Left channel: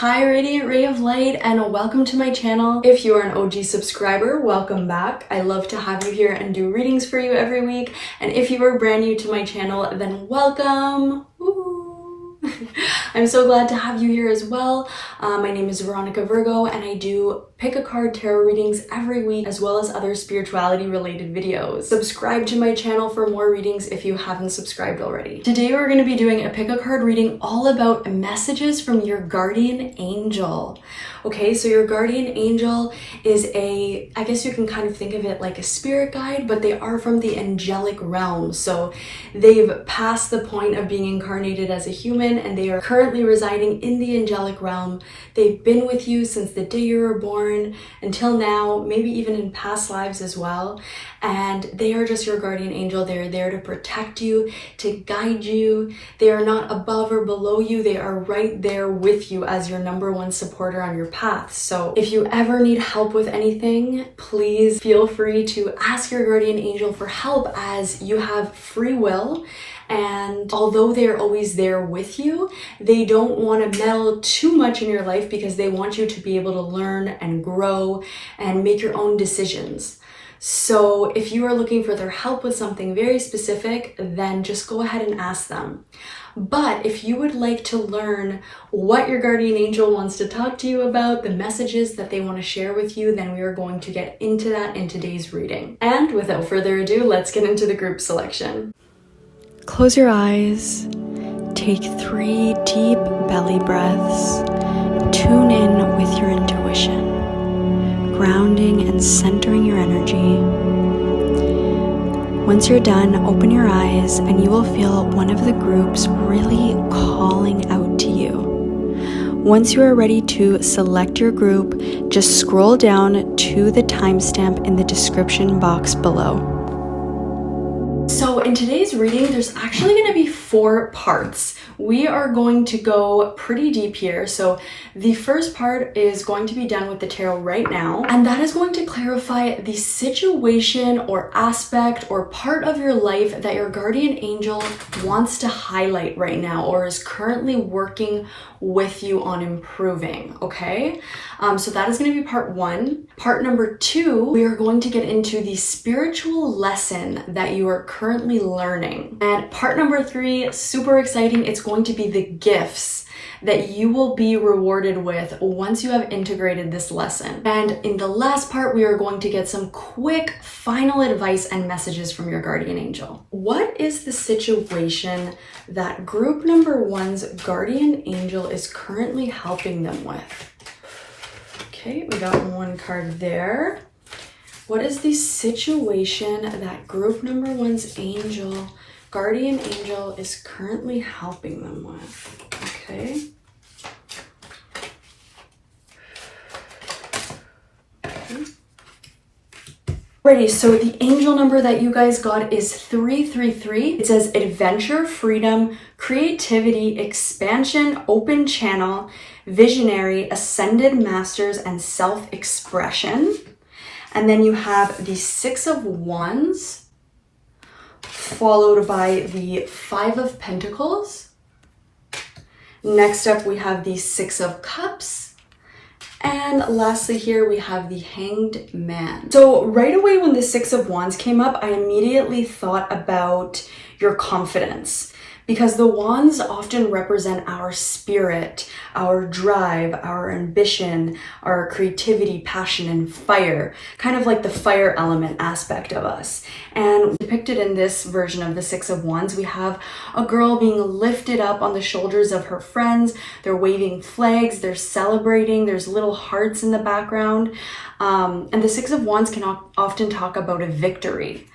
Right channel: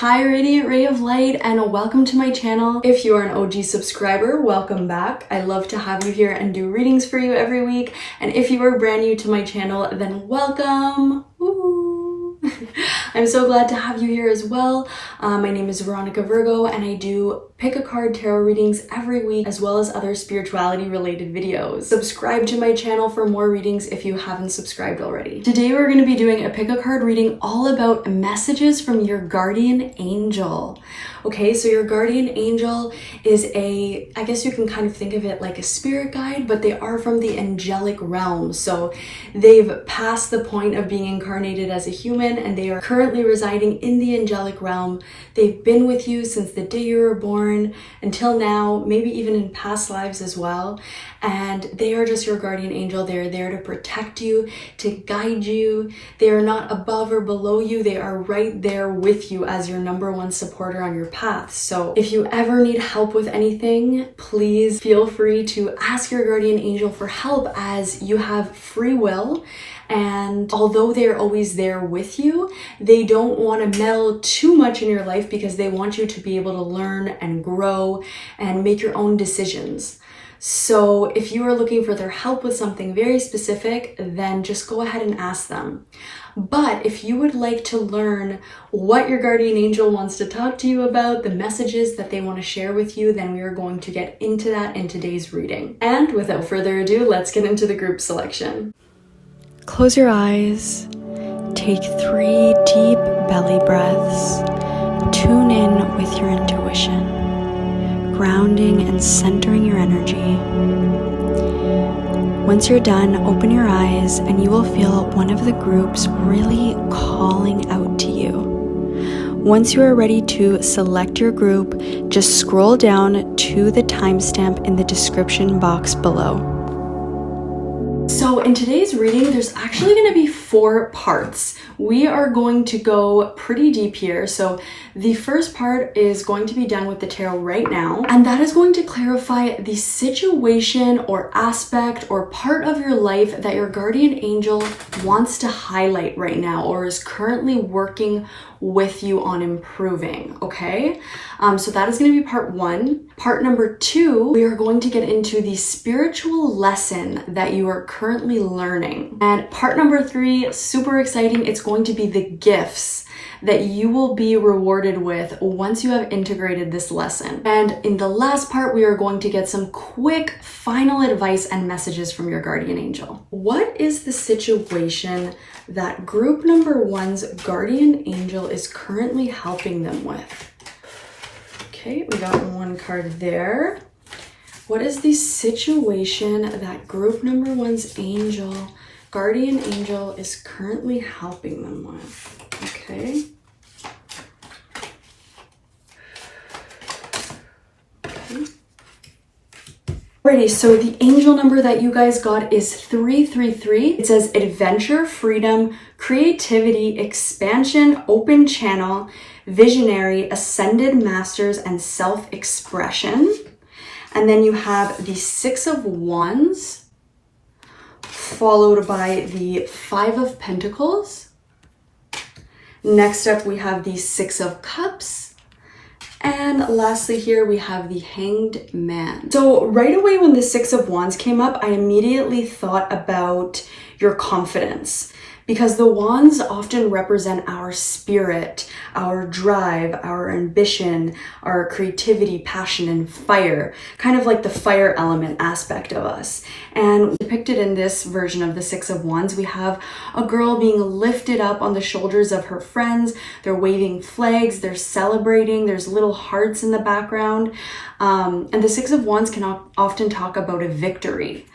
Hi Radiant Ray of Light, and welcome to my channel. If you are an OG subscriber, welcome back. I love to have you here and do readings for you every week. And if you are brand new to my channel, then welcome. Woo! I'm so glad to have you here as well. My name is Veronica Virgo, and I do pick a card tarot readings every week, as well as other spirituality related videos. Subscribe to my channel for more readings if you haven't subscribed already. Today we're going to be doing a pick a card reading all about messages from your guardian angel. Okay, so your guardian angel is I guess you can kind of think of it like a spirit guide, but they are from the angelic realm. So they've passed the point of being incarnated as a human, and they are currently residing in the angelic realm. They've been with you since the day you were born until now, maybe even in past lives as well. And they are just your guardian angel. They're there to protect you, to guide you. They are not above or below you. They are right there with you as your number one supporter on your path. So if you ever need help with anything, please feel free to ask your guardian angel for help, as you have free will. And although they're always there with you, they don't want to meddle too much in your life, because they want you to be able to learn and grow and make your own decisions. So if you are looking for their help with something very specific, then just go ahead and ask them. But if you would like to learn what your guardian angel wants to talk to you about, the messages that they want to share with you, then we are going to get into that in today's reading. And without further ado, let's get into the group selection. Close your eyes, take 3 deep belly breaths, tune in with your intuition, grounding and centering your energy. Once you're done, open your eyes and you will feel one of the groups really calling out to you. Once you are ready to select your group, just scroll down to the timestamp in the description box below. So in today's reading, there's actually going to be 4 parts. We are going to go pretty deep here. So the first part is going to be done with the tarot right now, and that is going to clarify the situation or aspect or part of your life that your guardian angel wants to highlight right now, or is currently working with you on improving. Okay, so that is going to be part 1. Part number 2, we are going to get into the spiritual lesson that you are currently learning. And part number 3, super exciting, it's going to be the gifts that you will be rewarded with once you have integrated this lesson. And in the last part, we are going to get some quick final advice and messages from your guardian angel. What is the situation that group number 1's guardian angel is currently helping them with? Okay, we got 1 card there. What is the situation that group number 1's guardian angel is currently helping them with? Okay. Alrighty, so the angel number that you guys got is 333. It says adventure, freedom, creativity, expansion, open channel, visionary, ascended masters, and self-expression. And then you have the 6 of Wands, followed by the 5 of Pentacles. Next up, we have the 6 of Cups. And lastly here, we have the Hanged Man. So right away when the 6 of Wands came up, I immediately thought about your confidence, because the wands often represent our spirit, our drive, our ambition, our creativity, passion, and fire, kind of like the fire element aspect of us. And depicted in this version of the 6 of Wands, we have a girl being lifted up on the shoulders of her friends. They're waving flags, they're celebrating, there's little hearts in the background. And the 6 of Wands can often talk about a victory.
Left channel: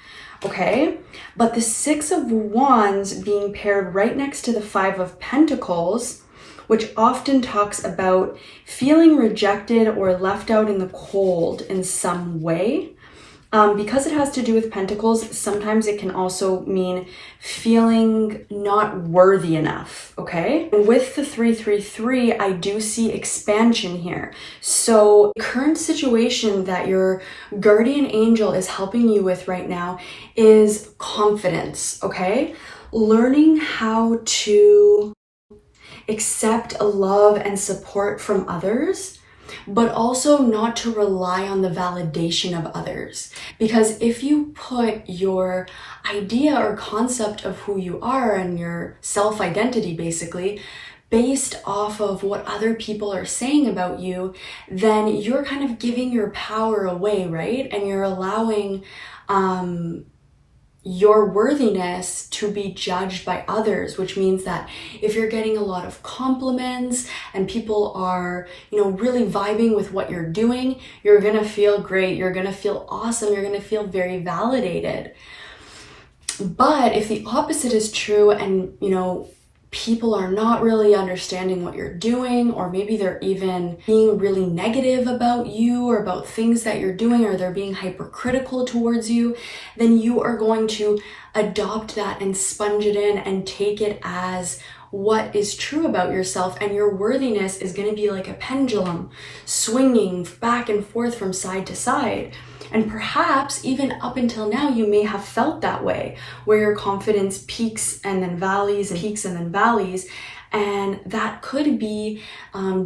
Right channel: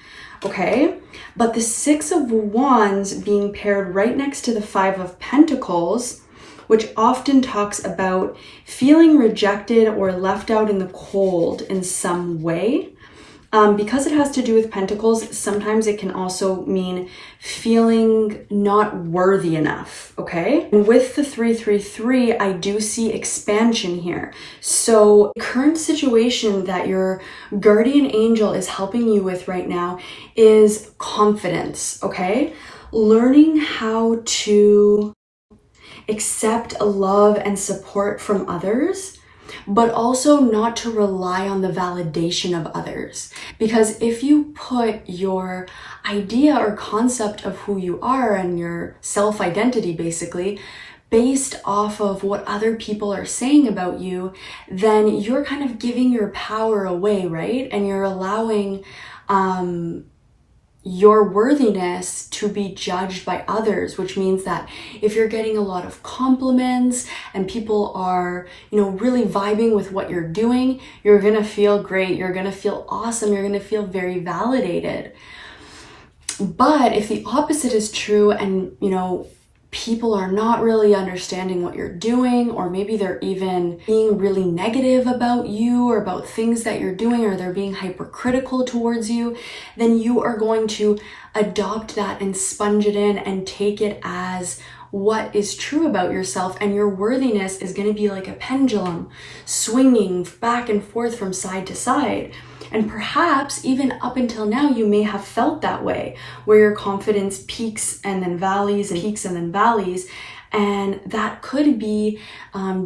Okay, but the 6 of Wands being paired right next to the 5 of Pentacles, which often talks about feeling rejected or left out in the cold in some way. Because it has to do with Pentacles, sometimes it can also mean feeling not worthy enough, okay? And with the 333, I do see expansion here. So the current situation that your guardian angel is helping you with right now is confidence, okay? Learning how to accept love and support from others, but also not to rely on the validation of others. Because if you put your idea or concept of who you are and your self-identity basically based off of what other people are saying about you, then you're kind of giving your power away, right? And you're allowing your worthiness to be judged by others, which means that if you're getting a lot of compliments and people are, really vibing with what you're doing, you're gonna feel great, you're gonna feel awesome, you're gonna feel very validated. But if the opposite is true and, people are not really understanding what you're doing, or maybe they're even being really negative about you or about things that you're doing, or they're being hypercritical towards you, then you are going to adopt that and sponge it in and take it as what is true about yourself, and your worthiness is going to be like a pendulum swinging back and forth from side to side. And perhaps even up until now, you may have felt that way, where your confidence peaks and then valleys and peaks and then valleys. And that could be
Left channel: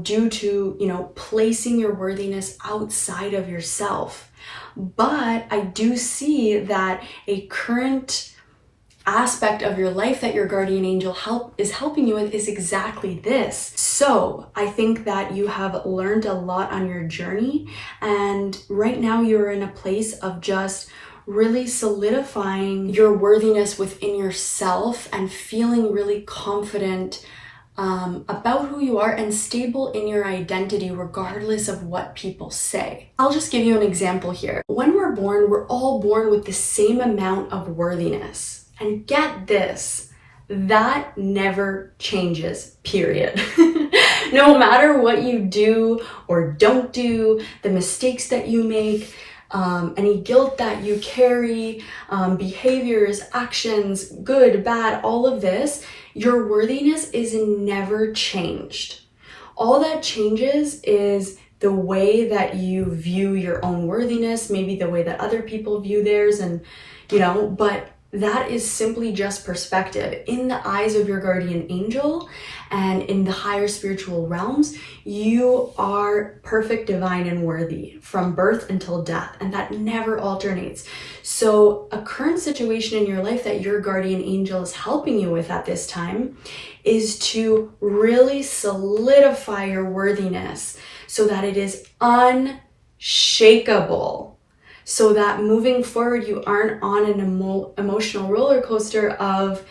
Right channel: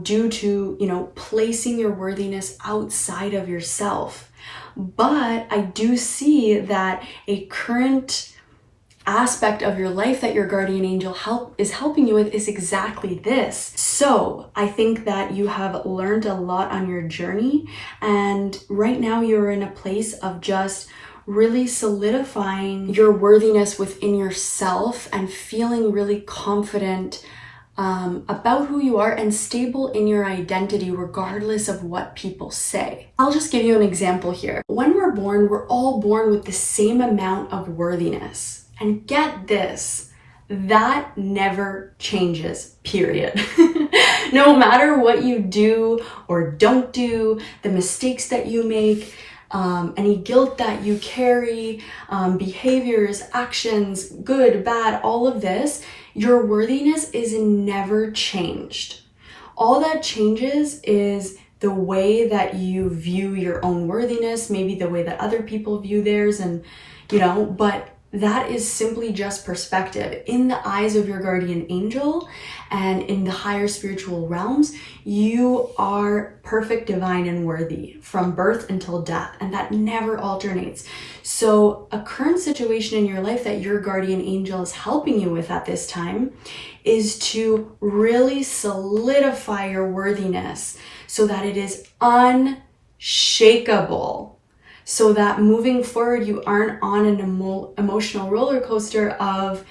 due to, placing your worthiness outside of yourself. But I do see that a current aspect of your life that your guardian angel is helping you with is exactly this. So I think that you have learned a lot on your journey, and right now you're in a place of just really solidifying your worthiness within yourself and feeling really confident about who you are and stable in your identity regardless of what people say. I'll just give you an example here. When we're born, we're all born with the same amount of worthiness. And get this, that never changes, period. No matter what you do or don't do, the mistakes that you make, any guilt that you carry, behaviors, actions, good, bad, all of this, your worthiness is never changed. All that changes is the way that you view your own worthiness, maybe the way that other people view theirs, and but that is simply just perspective. In the eyes of your guardian angel and in the higher spiritual realms, you are perfect, divine, and worthy from birth until death, and that never alternates. So a current situation in your life that your guardian angel is helping you with at this time is to really solidify your worthiness so that it is unshakable. So that moving forward, you aren't on an emotional roller coaster of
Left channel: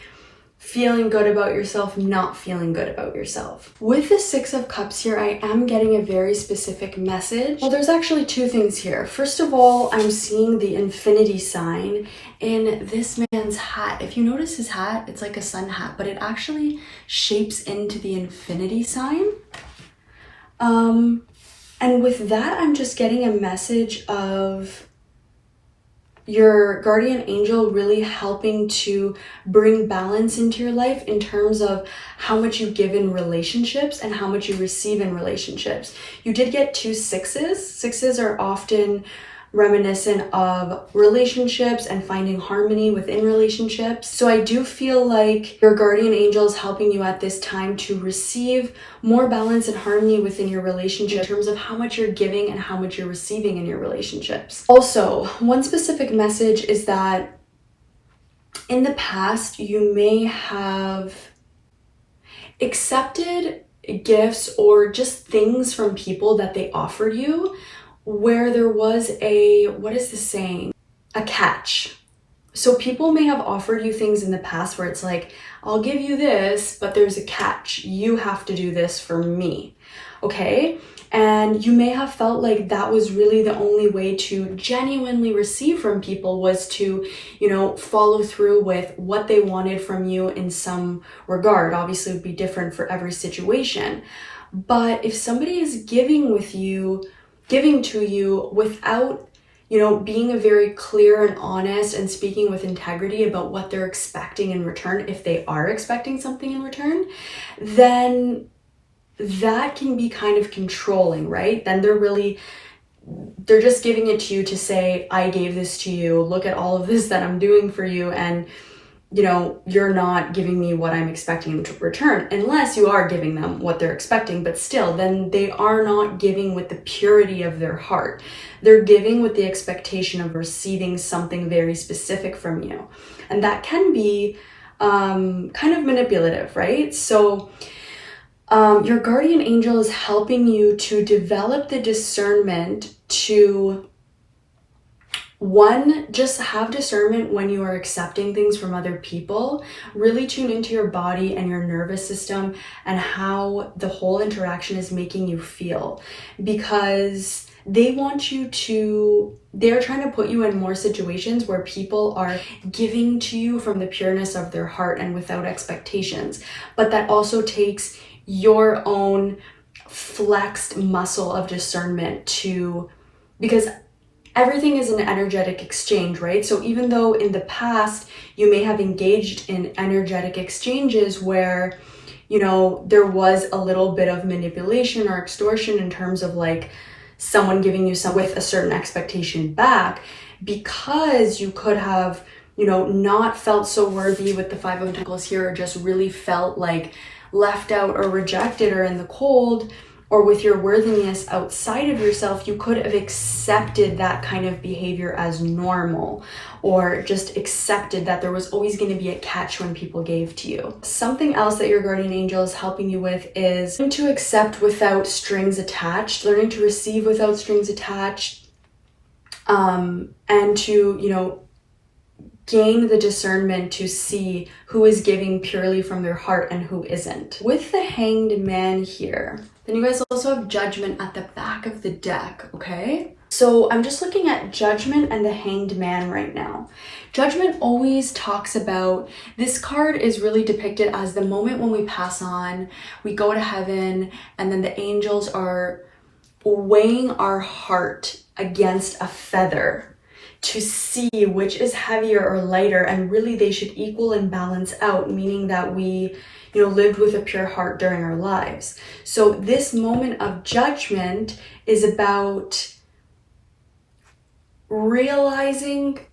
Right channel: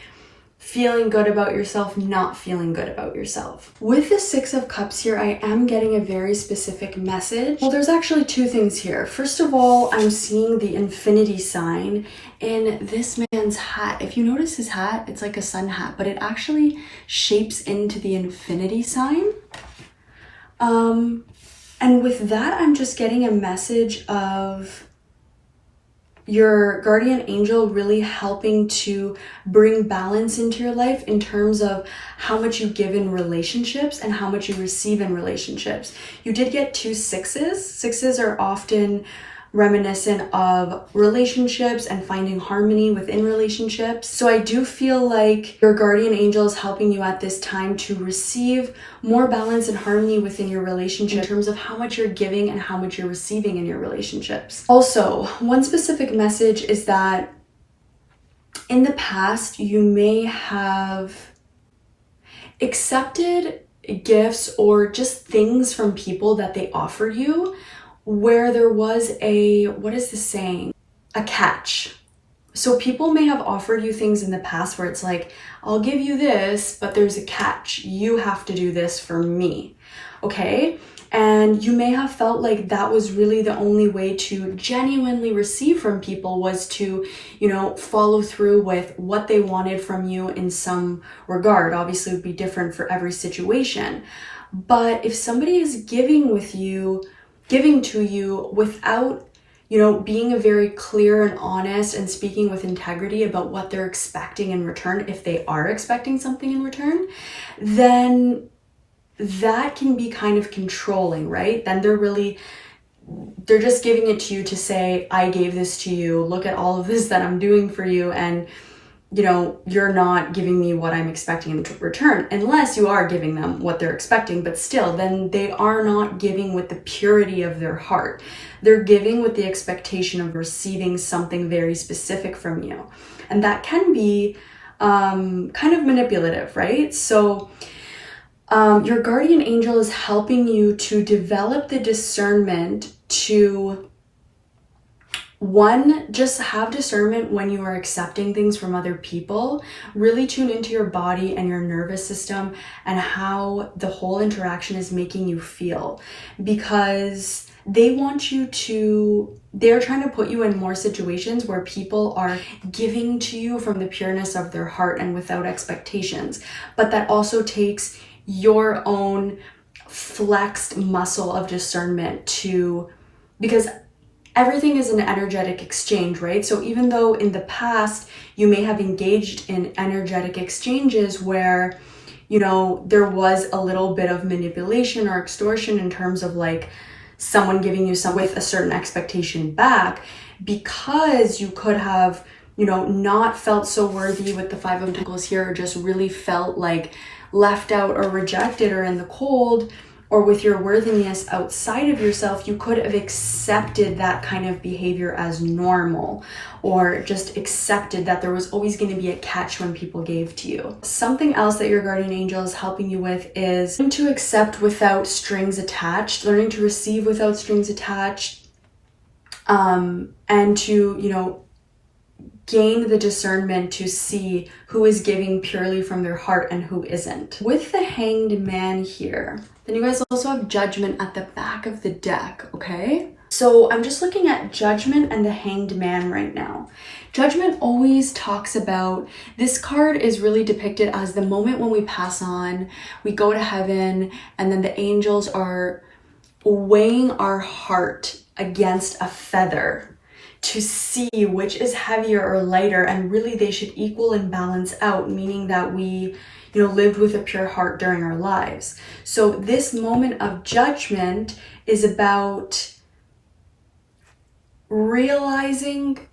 feeling good about yourself, not feeling good about yourself. With the Six of Cups here, I am getting a very specific message. Well, there's actually two things here. First of all, I'm seeing the infinity sign in this man's hat. If you notice his hat, it's like a sun hat, but it actually shapes into the infinity sign. And with that, I'm just getting a message of your guardian angel really helping to bring balance into your life in terms of how much you give in relationships and how much you receive in relationships. You did get two sixes. Sixes are often reminiscent of relationships and finding harmony within relationships. So I do feel like your guardian angel is helping you at this time to receive more balance and harmony within your relationship in terms of how much you're giving and how much you're receiving in your relationships. Also, one specific message is that in the past, you may have accepted gifts or just things from people that they offered you where there was a catch. So people may have offered you things in the past where it's like, I'll give you this, but there's a catch. You have to do this for me, okay? And you may have felt like that was really the only way to genuinely receive from people was to, follow through with what they wanted from you in some regard. Obviously, it would be different for every situation. But if somebody is giving to you without, being a very clear and honest and speaking with integrity about what they're expecting in return, if they are expecting something in return, then that can be kind of controlling, right? Then they're just giving it to you to say, I gave this to you, look at all of this that I'm doing for you. And you know, you're not giving me what I'm expecting in return, unless you are giving them what they're expecting, but still, then they are not giving with the purity of their heart. They're giving with the expectation of receiving something very specific from you. And that can be kind of manipulative, right? So your guardian angel is helping you to develop the discernment to, one, just have discernment when you are accepting things from other people. Really tune into your body and your nervous system and how the whole interaction is making you feel, because they want you to, they're trying to put you in more situations where people are giving to you from the pureness of their heart and without expectations. But that also takes your own flexed muscle of discernment to, because everything is an energetic exchange, right? So even though in the past you may have engaged in energetic exchanges where, you know, there was a little bit of manipulation or extortion in terms of like someone giving you some with a certain expectation back, because you could have, you know, not felt so worthy with the Five of Pentacles here, or just really felt like left out or rejected or in the cold, or with your worthiness outside of yourself, you could have accepted that kind of behavior as normal, or just accepted that there was always going to be a catch when people gave to you. Something else that your guardian angel is helping you with is learning to accept without strings attached, learning to receive without strings attached, and to, you know, gain the discernment to see who is giving purely from their heart and who isn't. With the Hanged Man here, then you guys also have Judgment at the back of the deck, okay? So I'm just looking at Judgment and the Hanged Man right now. Judgment always talks about, this card is really depicted as the moment when we pass on, we go to heaven, and then the angels are weighing our heart against a feather to see which is heavier or lighter, and really they should equal and balance out, meaning that we, you know, lived with a pure heart during our lives. So this moment of judgment is about realizing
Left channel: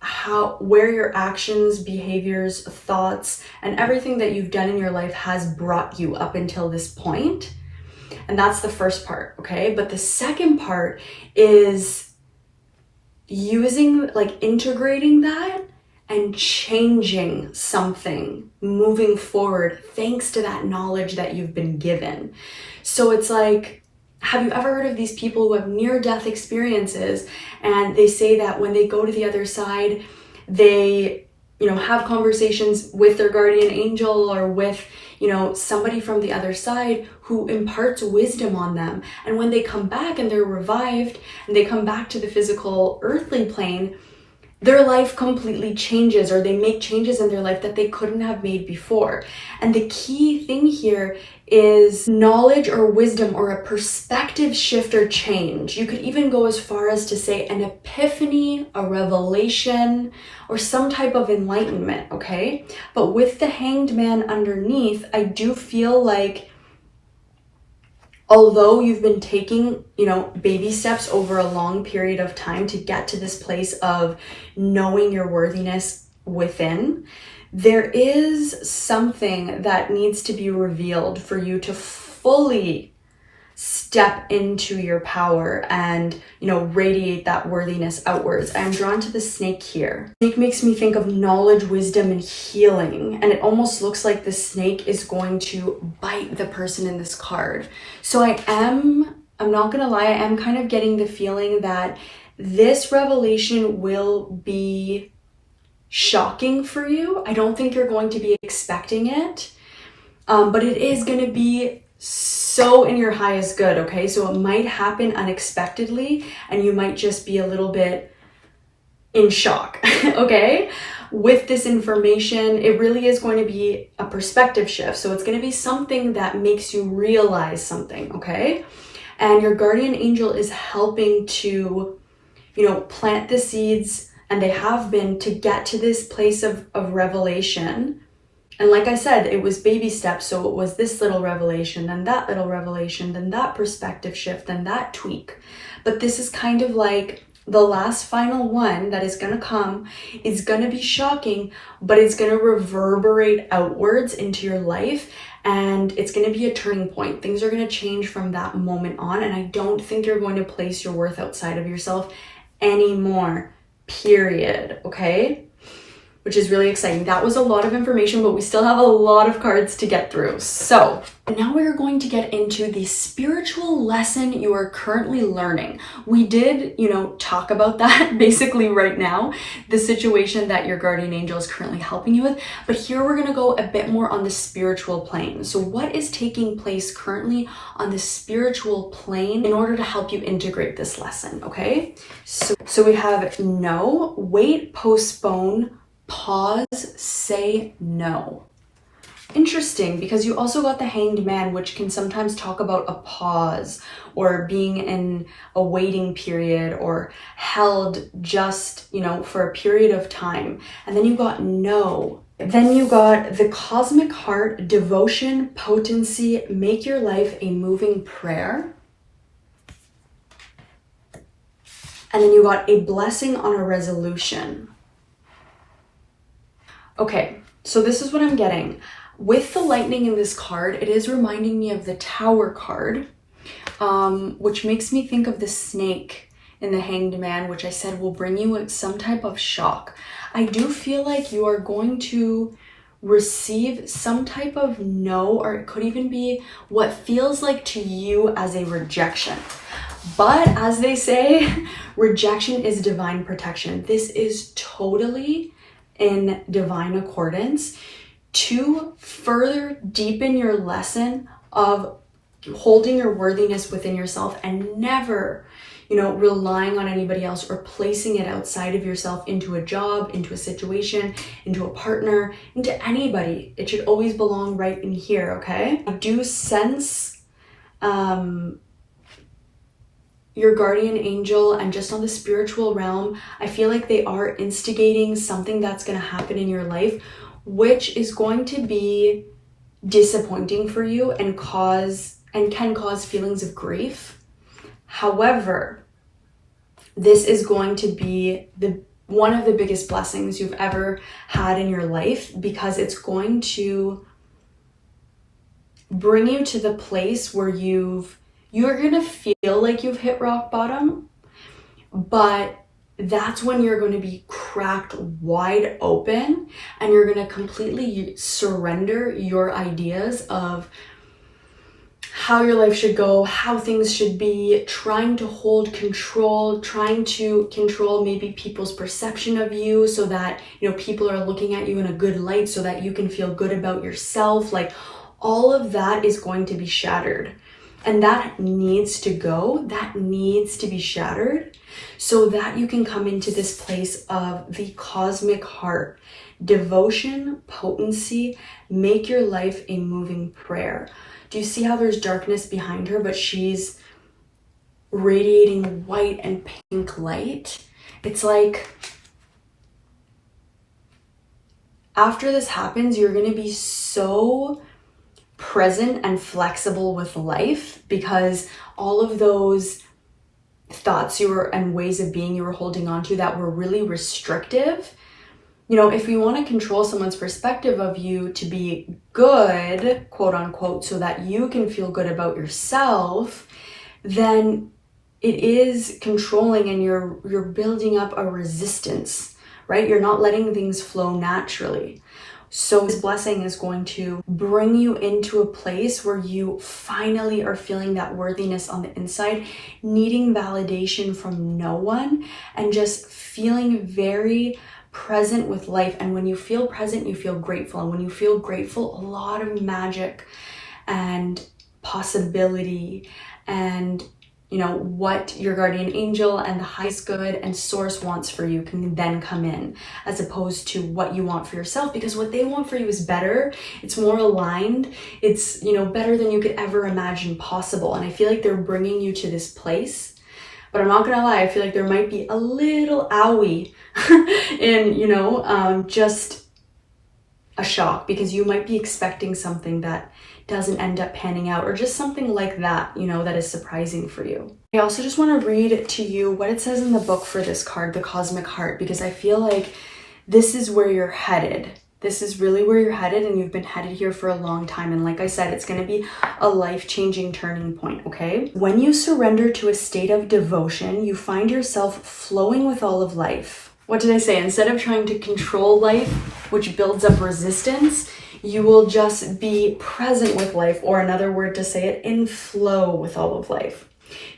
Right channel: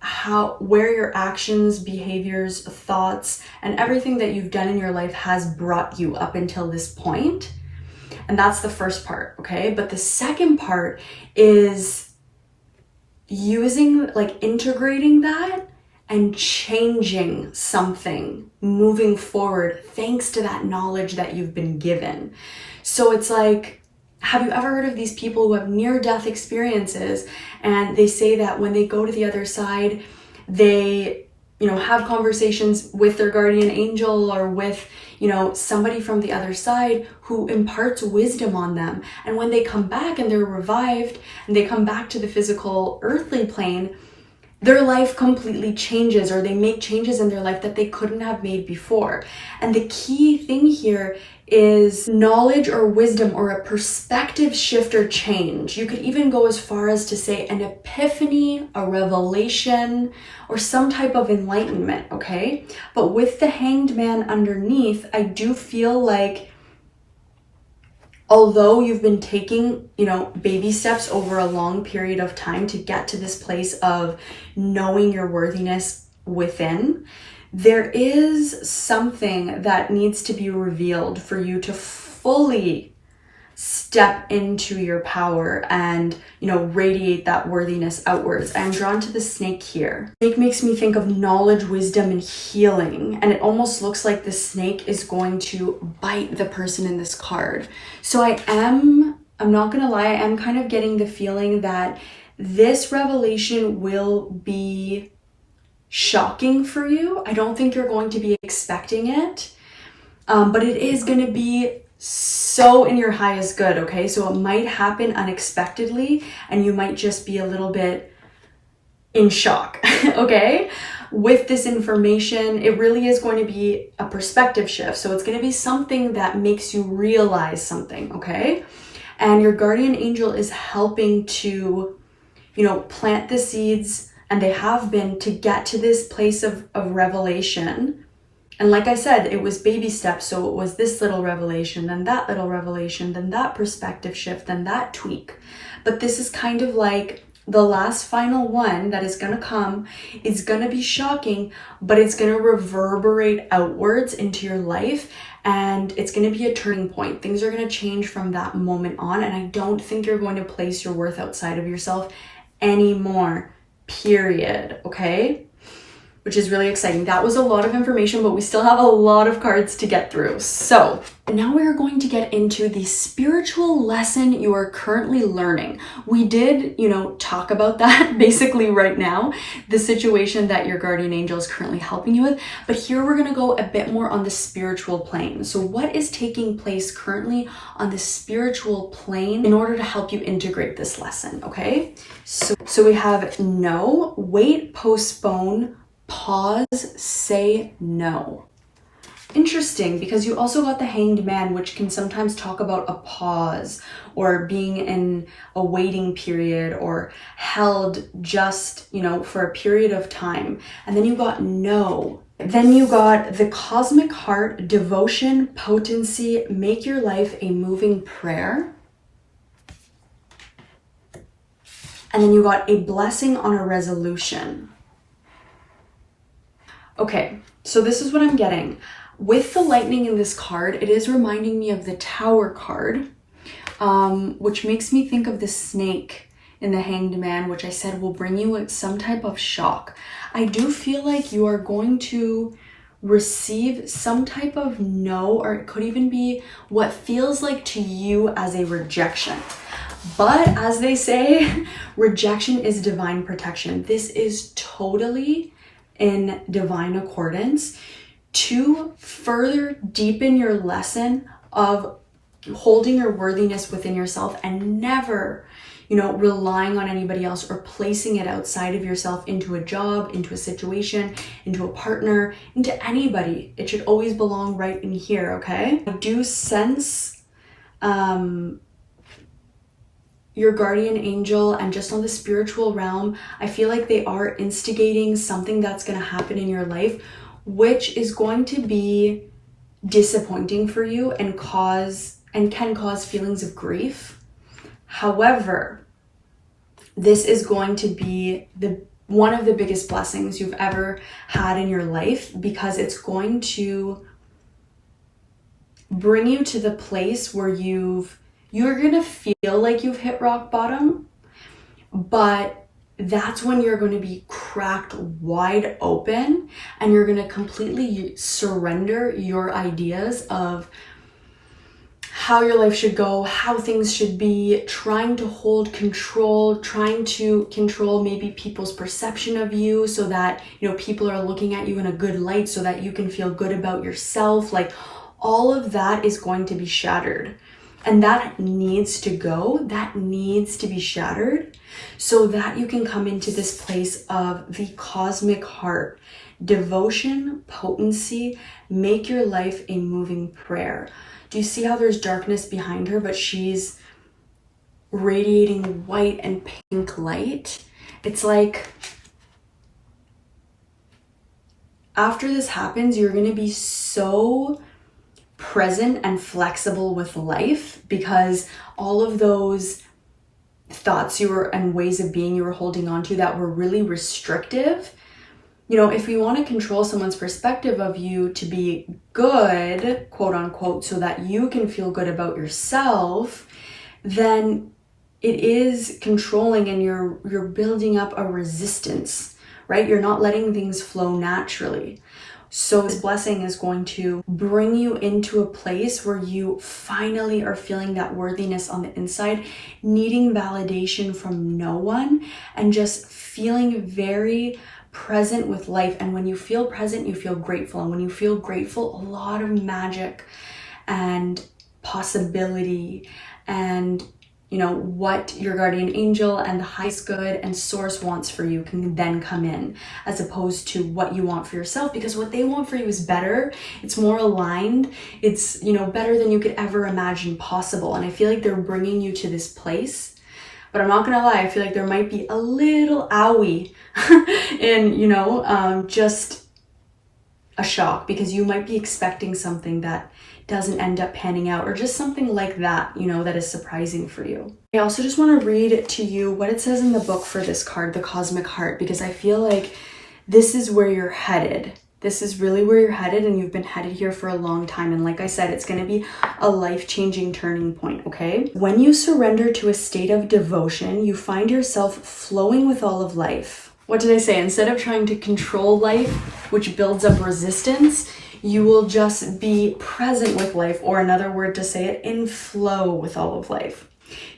where your actions, behaviors, thoughts, and everything that you've done in your life has brought you up until this point. And that's the first part, okay? But the second part is using, like, integrating that and changing something, moving forward thanks to that knowledge that you've been given. So it's like, have you ever heard of these people who have near-death experiences, and they say that when they go to the other side, they, you know, have conversations with their guardian angel or with, you know, somebody from the other side who imparts wisdom on them. And when they come back and they're revived and they come back to the physical earthly plane, their life completely changes, or they make changes in their life that they couldn't have made before. And the key thing here is knowledge or wisdom or a perspective shift or change. You could even go as far as to say an epiphany, a revelation, or some type of enlightenment, okay? But with the Hanged Man underneath, I do feel like, although you've been taking, you know, baby steps over a long period of time to get to this place of knowing your worthiness within, there is something that needs to be revealed for you to fully step into your power and, you know, radiate that worthiness outwards. I'm drawn to the snake here. Snake makes me think of knowledge, wisdom, and healing. And it almost looks like the snake is going to bite the person in this card. So I'm not gonna lie, I am kind of getting the feeling that this revelation will be shocking for you. I don't think you're going to be expecting it, but it is going to be so in your highest good, okay? So it might happen unexpectedly and you might just be a little bit in shock, okay? With this information, it really is going to be a perspective shift. So it's going to be something that makes you realize something, okay? And your guardian angel is helping to, you know, plant the seeds, and they have been, to get to this place of revelation. And like I said, it was baby steps. So it was this little revelation, then that little revelation, then that perspective shift, then that tweak. But this is kind of like The last final one that is gonna come is gonna be shocking, but it's gonna reverberate outwards into your life, and it's gonna be a turning point. Things are gonna change from that moment on, and I don't think you're going to place your worth outside of yourself anymore, period, okay? Which is really exciting. That was a lot of information, but we still have a lot of cards to get through. So now we're going to get into the spiritual lesson you are currently learning. We did, talk about that basically right now, the situation that your guardian angel is currently helping you with. But here we're going to go a bit more on the spiritual plane. So what is taking place currently on the spiritual plane in order to help you integrate this lesson, okay? So we have no, wait, postpone, pause, say no. Interesting, because you also got the Hanged Man, which can sometimes talk about a pause or being in a waiting period or held just, for a period of time. And then you got no. Then you got the Cosmic Heart, devotion, potency, make your life a moving prayer. And then you got a blessing on a resolution. Okay, so this is what I'm getting. With the lightning in this card, it is reminding me of the Tower card, which makes me think of the snake in the Hanged Man, which I said will bring you some type of shock. I do feel like you are going to receive some type of no, or it could even be what feels like to you as a rejection. But as they say, rejection is divine protection. This is totally in divine accordance to further deepen your lesson of holding your worthiness within yourself and never, relying on anybody else or placing it outside of yourself into a job, into a situation, into a partner, into anybody. It should always belong right in here, okay? I do sense your guardian angel, and just on the spiritual realm, I feel like they are instigating something that's going to happen in your life, which is going to be disappointing for you and can cause feelings of grief. However, this is going to be one of the biggest blessings you've ever had in your life, because it's going to bring you to the place where you're gonna feel like you've hit rock bottom, but that's when you're going to be cracked wide open and you're going to completely surrender your ideas of how your life should go, how things should be, trying to hold control, trying to control maybe people's perception of you so that, people are looking at you in a good light so that you can feel good about yourself. Like, all of that is going to be shattered. And that needs to go, that needs to be shattered so that you can come into this place of the Cosmic Heart, devotion, potency, make your life a moving prayer. Do you see how there's darkness behind her, but she's radiating white and pink light? It's like, after this happens, you're going to be so present and flexible with life, because all of those thoughts and ways of being you were holding on to that were really restrictive. If you want to control someone's perspective of you to be good, quote unquote, so that you can feel good about yourself, then it is controlling, and you're building up a resistance, right? You're not letting things flow naturally. So this blessing is going to bring you into a place where you finally are feeling that worthiness on the inside, needing validation from no one, and just feeling very present with life. And when you feel present, you feel grateful. And when you feel grateful, a lot of magic and possibility and what your guardian angel and the highest good and source wants for you can then come in, as opposed to what you want for yourself, because what they want for you is better. It's more aligned. It's, better than you could ever imagine possible. And I feel like they're bringing you to this place, but I'm not gonna lie, I feel like there might be a little owie in, just a shock, because you might be expecting something that doesn't end up panning out, or just something like that, you know, that is surprising for you. I also just want to read to you what it says in the book for this card, the Cosmic Heart, because I feel like this is where you're headed. This is really where you're headed, and you've been headed here for a long time. And like I said, it's going to be a life-changing turning point, okay? When you surrender to a state of devotion, you find yourself flowing with all of life. What did I say? Instead of trying to control life, which builds up resistance, you will just be present with life, or another word to say it, in flow with all of life.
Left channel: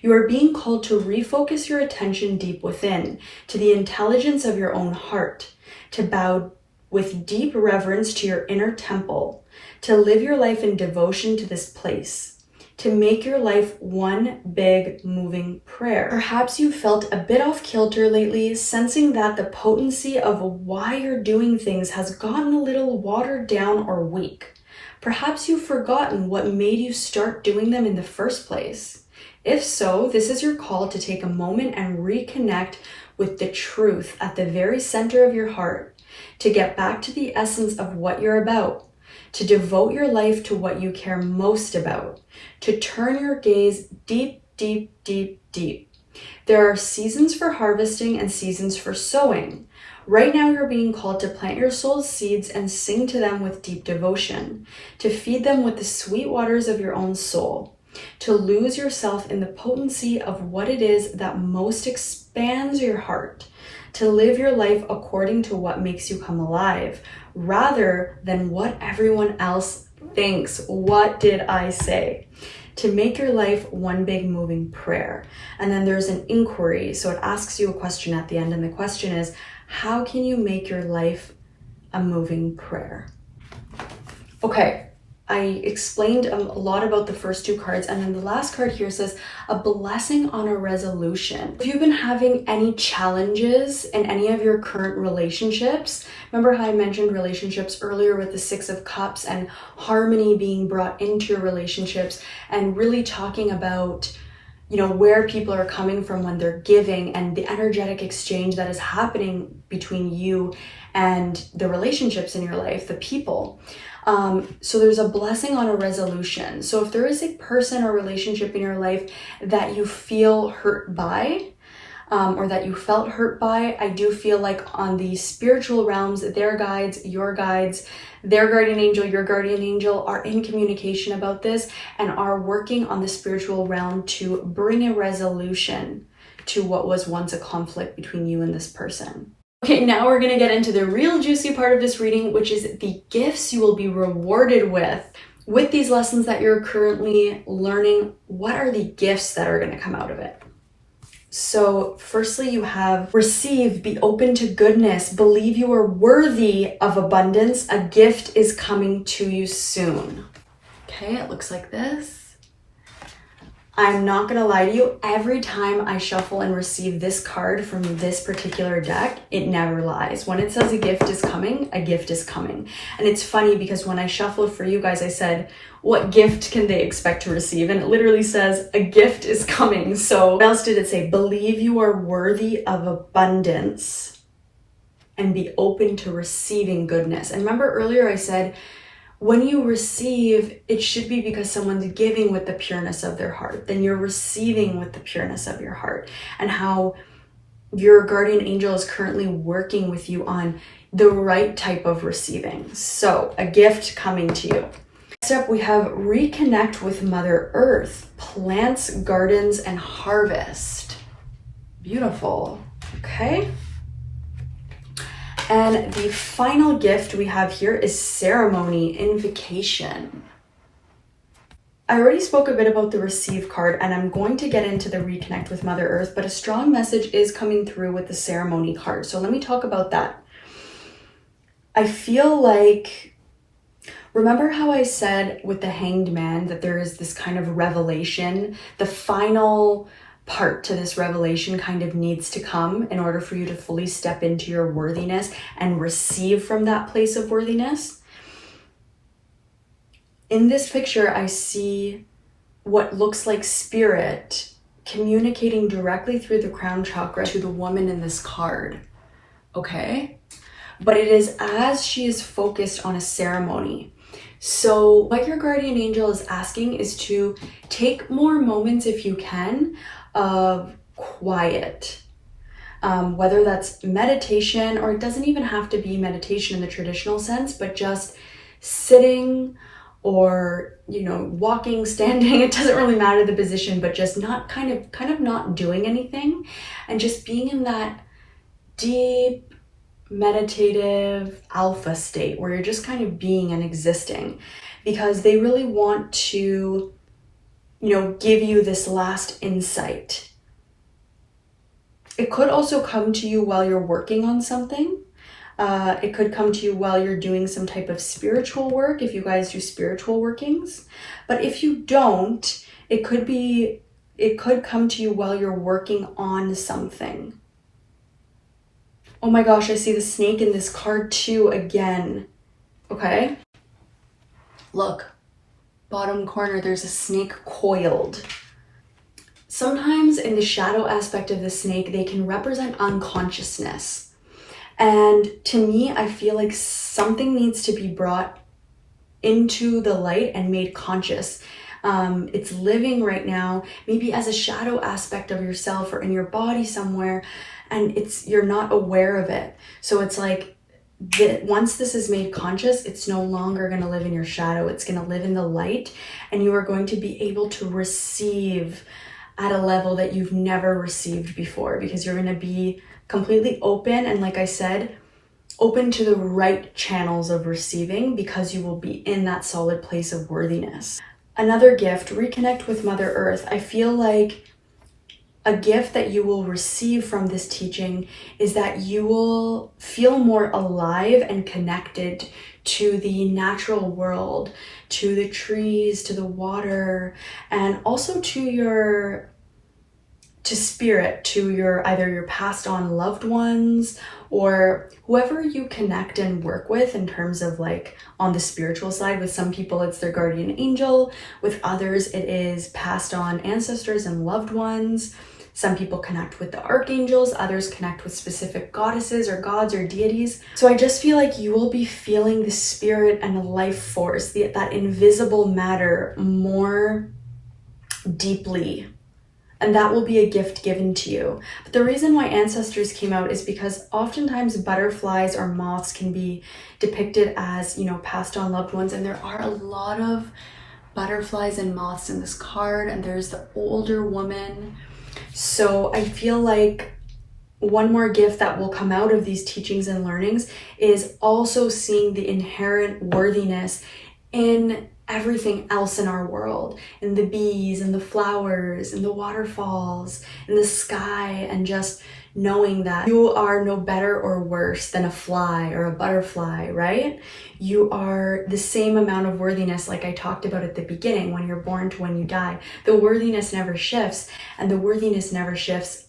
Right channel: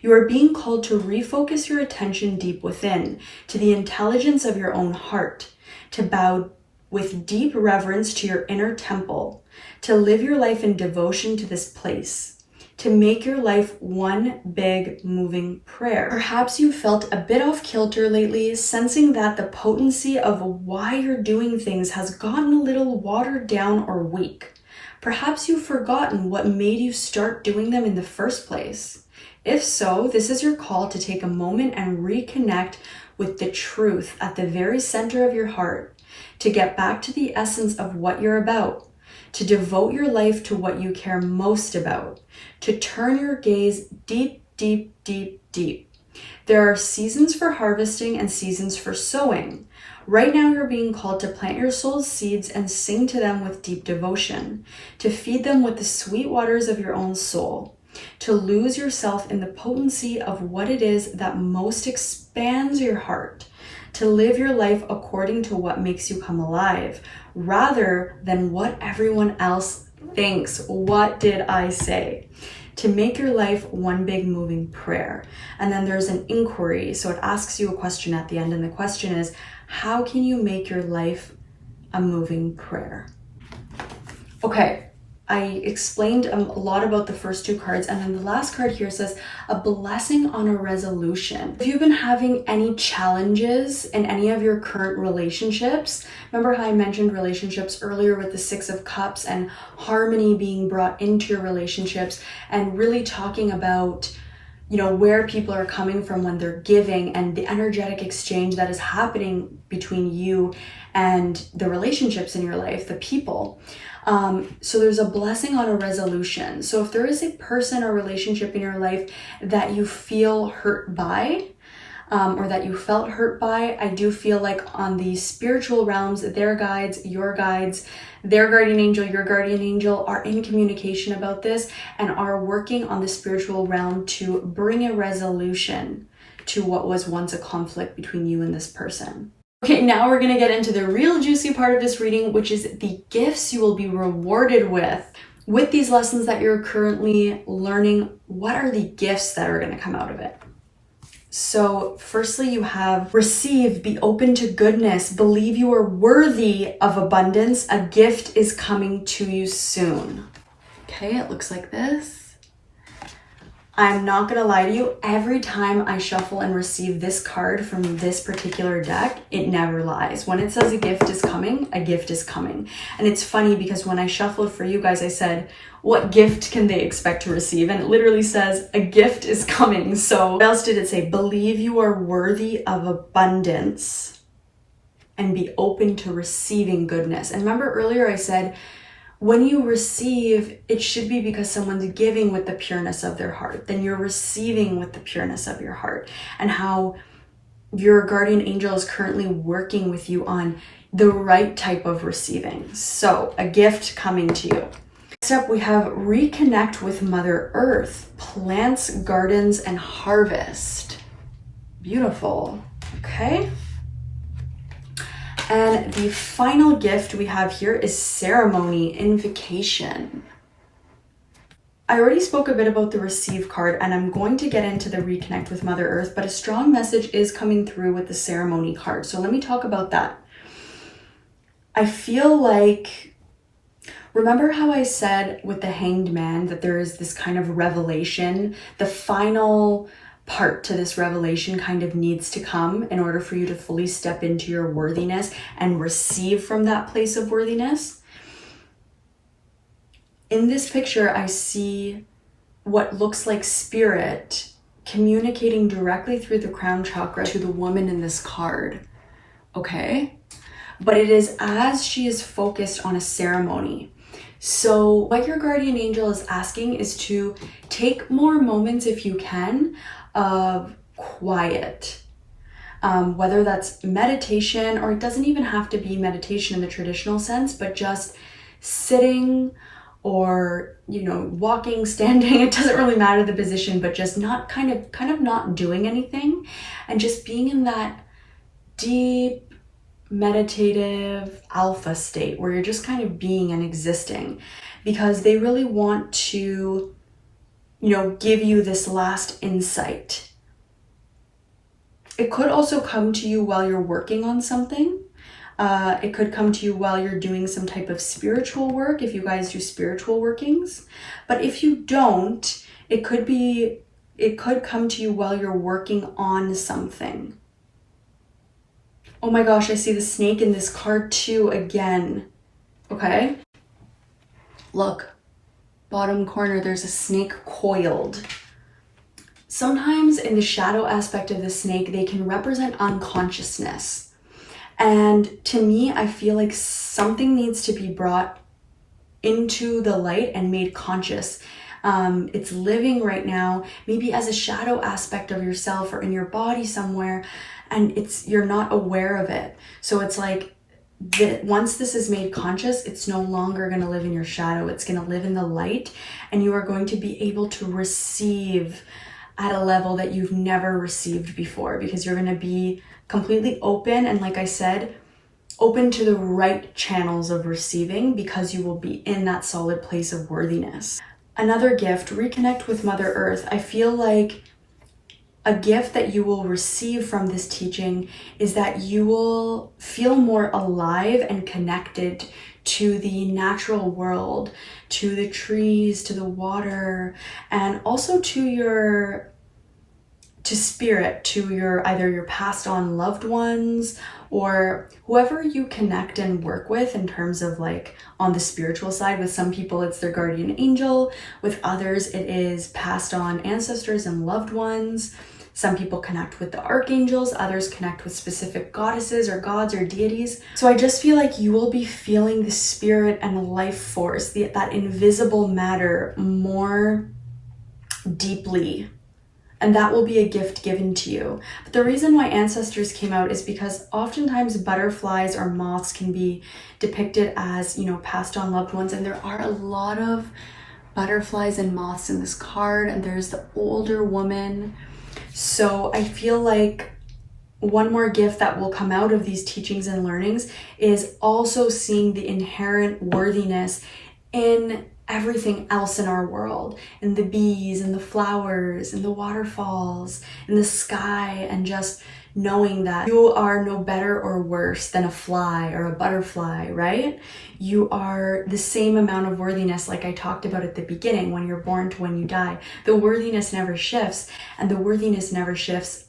You are being called to refocus your attention deep within, to the intelligence of your own heart, to bow with deep reverence to your inner temple, to live your life in devotion to this place, to make your life one big moving prayer. Perhaps you felt a bit off kilter lately, sensing that the potency of why you're doing things has gotten a little watered down or weak. Perhaps you've forgotten what made you start doing them in the first place. If so, this is your call to take a moment and reconnect with the truth at the very center of your heart, to get back to the essence of what you're about, to devote your life to what you care most about, to turn your gaze deep, deep, deep, deep. There are seasons for harvesting and seasons for sowing. Right now, you're being called to plant your soul's seeds and sing to them with deep devotion, to feed them with the sweet waters of your own soul, to lose yourself in the potency of what it is that most expands your heart, to live your life according to what makes you come alive, rather than what everyone else thinks. What did I say? To make your life one big moving prayer. And then there's an inquiry. So it asks you a question at the end. And the question is, how can you make your life a moving prayer? Okay. I explained a lot about the first two cards, and then the last card here says a blessing on a resolution. If you've been having any challenges in any of your current relationships, remember how I mentioned relationships earlier with the Six of Cups and harmony being brought into your relationships, and really talking about, you know, where people are coming from when they're giving and the energetic exchange that is happening between you and the relationships in your life, the people. So there's a blessing on a resolution. So if there is a person or relationship in your life that you feel hurt by, or that you felt hurt by, I do feel like on the spiritual realms, their guides, your guides, their guardian angel, your guardian angel are in communication about this and are working on the spiritual realm to bring a resolution to what was once a conflict between you and this person. Okay, now we're going to get into the real juicy part of this reading, which is the gifts you will be rewarded with these lessons that you're currently learning. What are the gifts that are going to come out of it? So firstly, you have receive, be open to goodness, believe you are worthy of abundance. A gift is coming to you soon. Okay, it looks like this. I'm not gonna lie to you, every time I shuffle and receive this card from this particular deck, it never lies. When it says a gift is coming, a gift is coming. And it's funny because when I shuffled for you guys, I said, what gift can they expect to receive? And it literally says, a gift is coming. So what else did it say? Believe you are worthy of abundance and be open to receiving goodness. And remember earlier I said, when you receive, it should be because someone's giving with the pureness of their heart. Then you're receiving with the pureness of your heart, and how your guardian angel is currently working with you on the right type of receiving. So a gift coming to you. Next up, we have reconnect with Mother Earth, plants, gardens, and harvest. Beautiful. Okay. And the final gift we have here is ceremony, invocation. I already spoke a bit about the receive card, and I'm going to get into the reconnect with Mother Earth, but a strong message is coming through with the ceremony card. So let me talk about that. I feel like, remember how I said with the Hanged Man that there is this kind of revelation, the final part to this revelation kind of needs to come in order for you to fully step into your worthiness and receive from that place of worthiness. In this picture, I see what looks like spirit communicating directly through the crown chakra to the woman in this card, okay? But it is as she is focused on a ceremony. So what your guardian angel is asking is to take more moments, if you can, of quiet. Whether that's meditation, or it doesn't even have to be meditation in the traditional sense, but just sitting or, you know, walking, standing, it doesn't really matter the position, but just not kind of not doing anything and just being in that deep meditative alpha state where you're just kind of being and existing, because they really want to, you know, give you this last insight. It could also come to you while you're working on something. It could come to you while you're doing some type of spiritual work, if you guys do spiritual workings. But if you don't, it could come to you while you're working on something. Oh my gosh, I see the snake in this card too again. Okay. Look, bottom corner, there's a snake coiled. Sometimes in the shadow aspect of the snake, they can represent unconsciousness. And to me, I feel like something needs to be brought into the light and made conscious. It's living right now, maybe as a shadow aspect of yourself or in your body somewhere, and you're not aware of it. So it's like, once this is made conscious, it's no longer going to live in your shadow. It's going to live in the light, and you are going to be able to receive at a level that you've never received before, because you're going to be completely open, and like I said, open to the right channels of receiving, because you will be in that solid place of worthiness. Another gift, reconnect with Mother Earth. I feel like a gift that you will receive from this teaching is that you will feel more alive and connected to the natural world, to the trees, to the water, and also to spirit, to either your passed on loved ones or whoever you connect and work with in terms of like on the spiritual side. With some people it's their guardian angel, with others it is passed on ancestors and loved ones. Some people connect with the archangels, others connect with specific goddesses or gods or deities. So I just feel like you will be feeling the spirit and the life force, that invisible matter more deeply. And that will be a gift given to you. But the reason why ancestors came out is because oftentimes butterflies or moths can be depicted as, you know, passed on loved ones. And there are a lot of butterflies and moths in this card. And there's the older woman. So I feel like one more gift that will come out of these teachings and learnings is also seeing the inherent worthiness in everything else in our world, in the bees and the flowers and the waterfalls and the sky, and just knowing that you are no better or worse than a fly or a butterfly, right? You are the same amount of worthiness, like I talked about at the beginning, when you're born to when you die. The worthiness never shifts, and the worthiness never shifts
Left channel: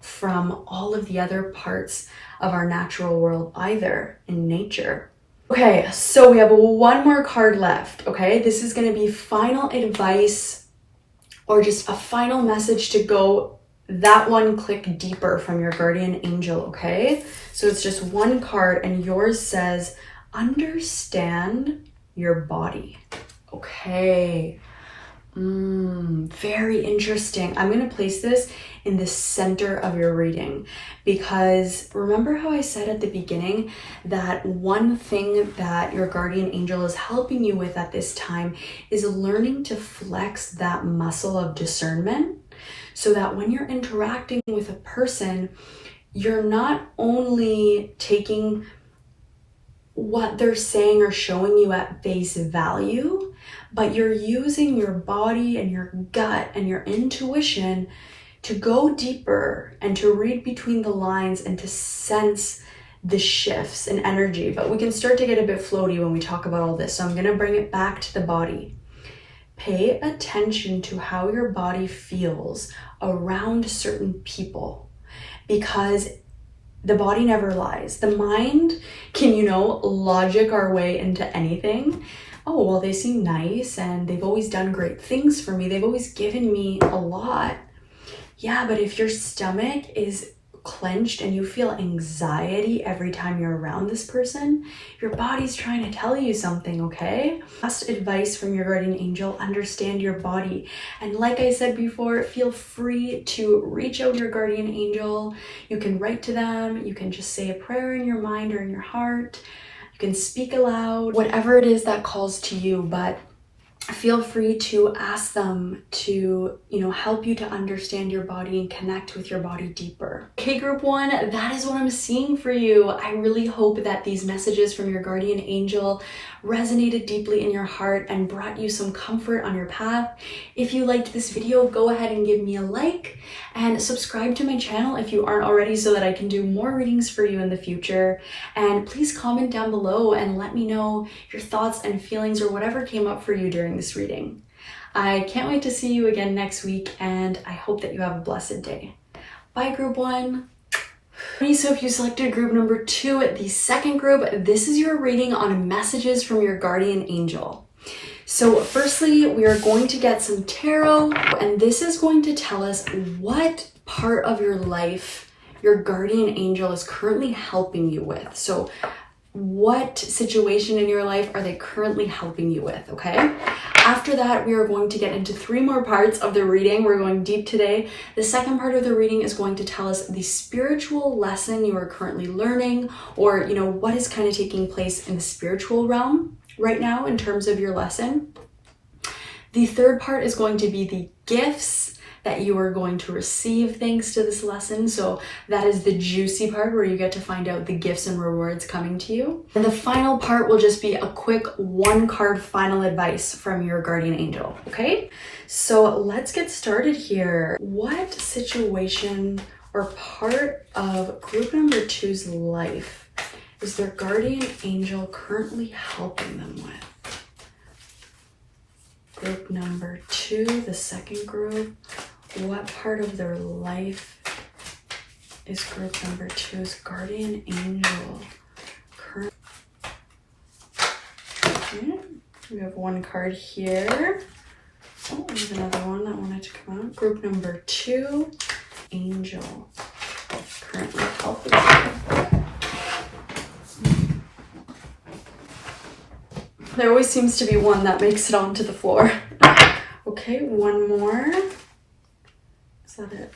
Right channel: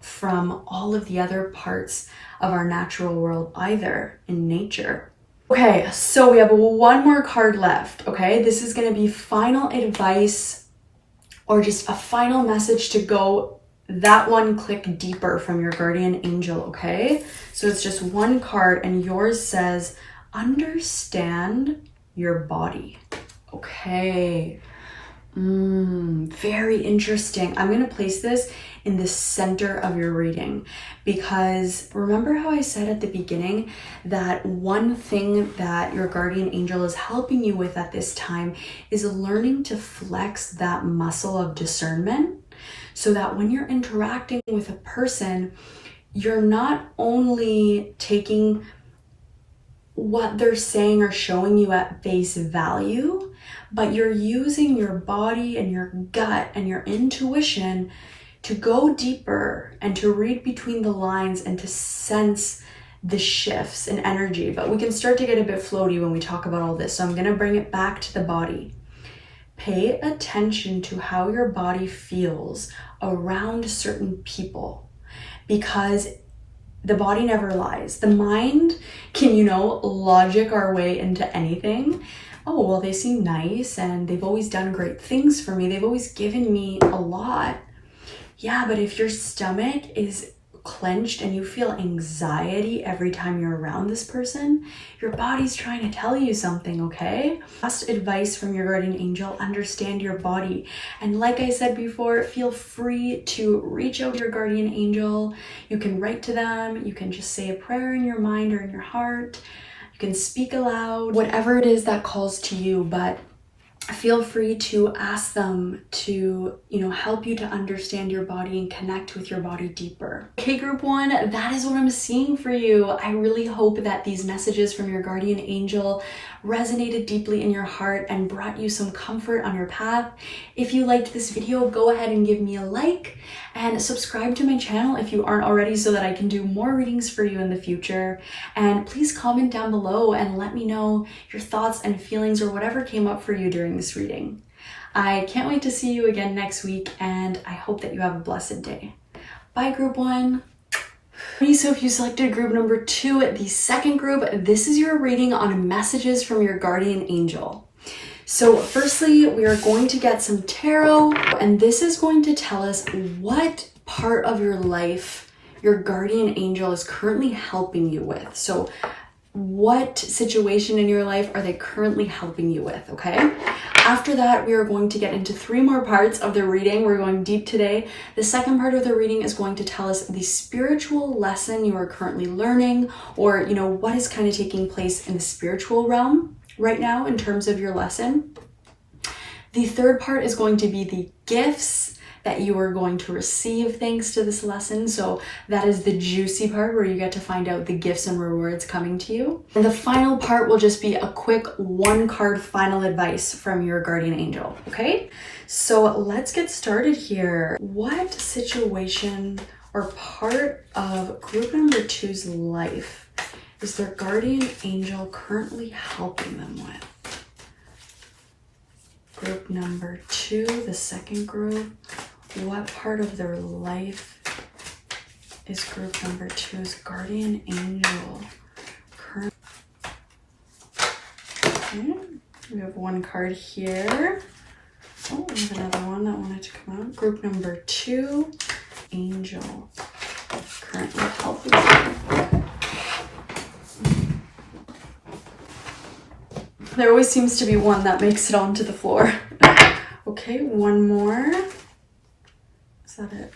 from all of the other parts of our natural world either, in nature. Okay, so we have one more card left, okay? This is going to be final advice, or just a final message to go that one click deeper from your guardian angel, okay? So it's just one card, and yours says, understand your body. Okay. Very interesting. I'm going to place this in the center of your reading, because remember how I said at the beginning that one thing that your guardian angel is helping you with at this time is learning to flex that muscle of discernment, so that when you're interacting with a person, you're not only taking what they're saying or showing you at face value, but you're using your body and your gut and your intuition to go deeper and to read between the lines and to sense the shifts in energy. But we can start to get a bit floaty when we talk about all this, so I'm going to bring it back to the body. Pay attention to how your body feels around certain people, because the body never lies. The mind can, you know, logic our way into anything. Oh, well, they seem nice and they've always done great things for me. They've always given me a lot. Yeah, but if your stomach is clenched and you feel anxiety every time you're around this person, your body's trying to tell you something, okay? Last advice from your guardian angel: understand your body. And like I said before, feel free to reach out to your guardian angel. You can write to them, you can just say a prayer in your mind or in your heart, you can speak aloud, whatever it is that calls to you, but feel free to ask them to, help you to understand your body and connect with your body deeper. Okay, group one, that is what I'm seeing for you. I really hope that these messages from your guardian angel resonated deeply in your heart and brought you some comfort on your path. If you liked this video, go ahead and give me a like and subscribe to my channel if you aren't already, so that I can do more readings for you in the future. And please comment down below and let me know your thoughts and feelings or whatever came up for you during this reading. I can't wait to see you again next week, and I hope that you have a blessed day. Bye, group one. So if you selected group number 2, the second group, this is your reading on messages from your guardian angel. So firstly, we are going to get some tarot, and this is going to tell us what part of your life your guardian angel is currently helping you with. So what situation in your life are they currently helping you with, okay? After that, we are going to get into 3 more parts of the reading. We're going deep today. The second part of the reading is going to tell us the spiritual lesson you are currently learning, or, what is kind of taking place in the spiritual realm right now in terms of your lesson. The third part is going to be the gifts that you are going to receive thanks to this lesson. So that is the juicy part where you get to find out the gifts and rewards coming to you. And the final part will just be a quick 1-card final advice from your guardian angel, okay? So let's get started here. What situation or part of group number 2's life is their guardian angel currently helping them with? Group number 2, the second group. What part of their life is group number 2's guardian angel currently? Okay, we have 1 card here. Oh, we have another one that wanted to come out. Group number 2, angel currently helping you. There always seems to be one that makes it onto the floor. Okay, 1 more. Is that it?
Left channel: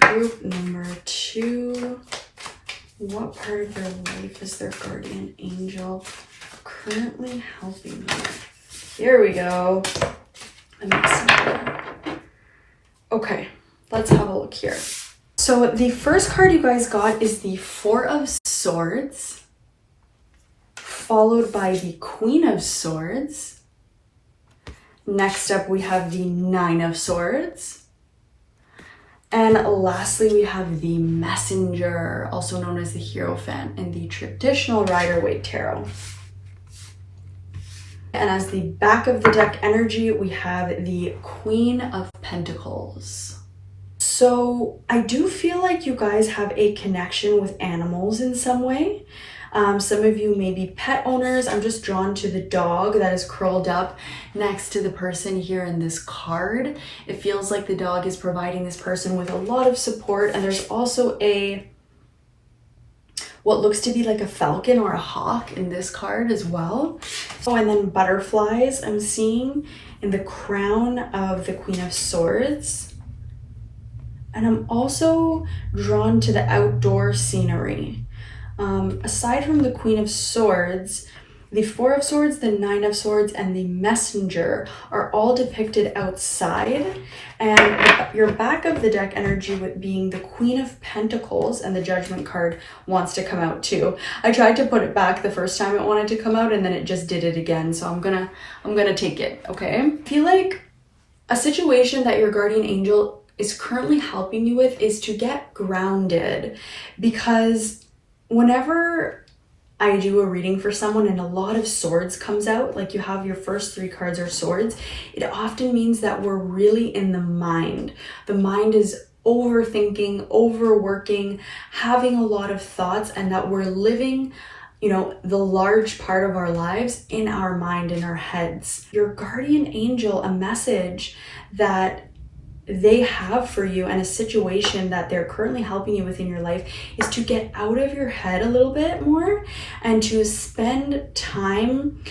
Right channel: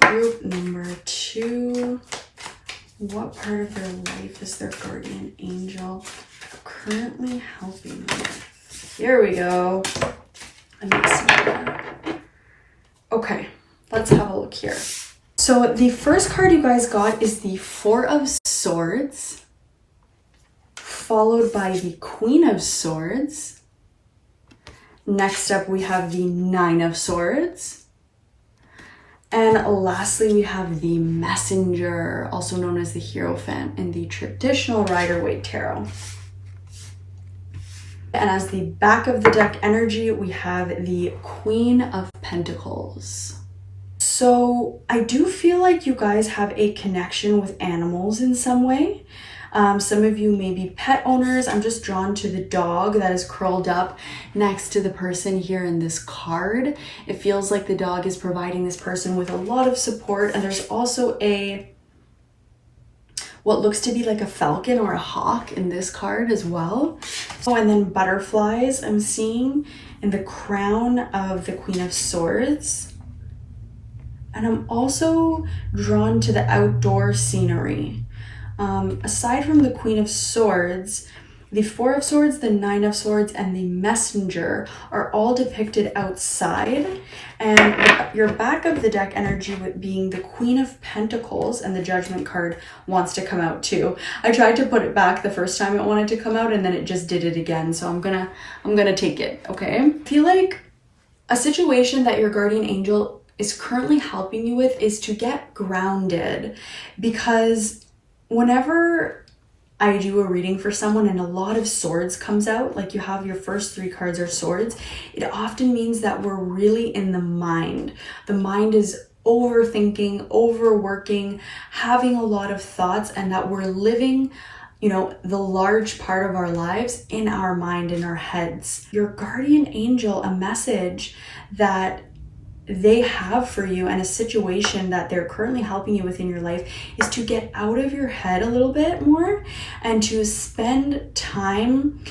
Group number 2. What part of their life is their guardian angel currently helping them with? Here we go. Okay, let's have a look here. So the first card you guys got is the 4 of Swords, followed by the Queen of Swords. Next up, we have the 9 of Swords. And lastly, we have the Messenger, also known as the Hierophant in the traditional Rider-Waite Tarot. And as the back of the deck energy, we have the Queen of Pentacles. So I do feel like you guys have a connection with animals in some way. Some of you may be pet owners. I'm just drawn to the dog that is curled up next to the person here in this card. It feels like the dog is providing this person with a lot of support. And there's also what looks to be like a falcon or a hawk in this card as well. Oh, and then butterflies I'm seeing in the crown of the Queen of Swords. And I'm also drawn to the outdoor scenery. Aside from the Queen of Swords, the 4 of Swords, the 9 of Swords, and the Messenger are all depicted outside. And your back of the deck energy being the Queen of Pentacles, and the Judgment card wants to come out too. I tried to put it back the first time it wanted to come out, and then it just did it again. So I'm gonna take it, okay? I feel like a situation that your guardian angel is currently helping you with is to get grounded, because whenever I do a reading for someone and a lot of swords comes out, like you have your first 3 cards are swords, it often means that we're really in the mind. The mind is overthinking, overworking, having a lot of thoughts, and that we're living, the large part of our lives in our mind, in our heads. Your guardian angel, a message that they have for you and a situation that they're currently helping you with in your life is to get out of your head a little bit more and to spend time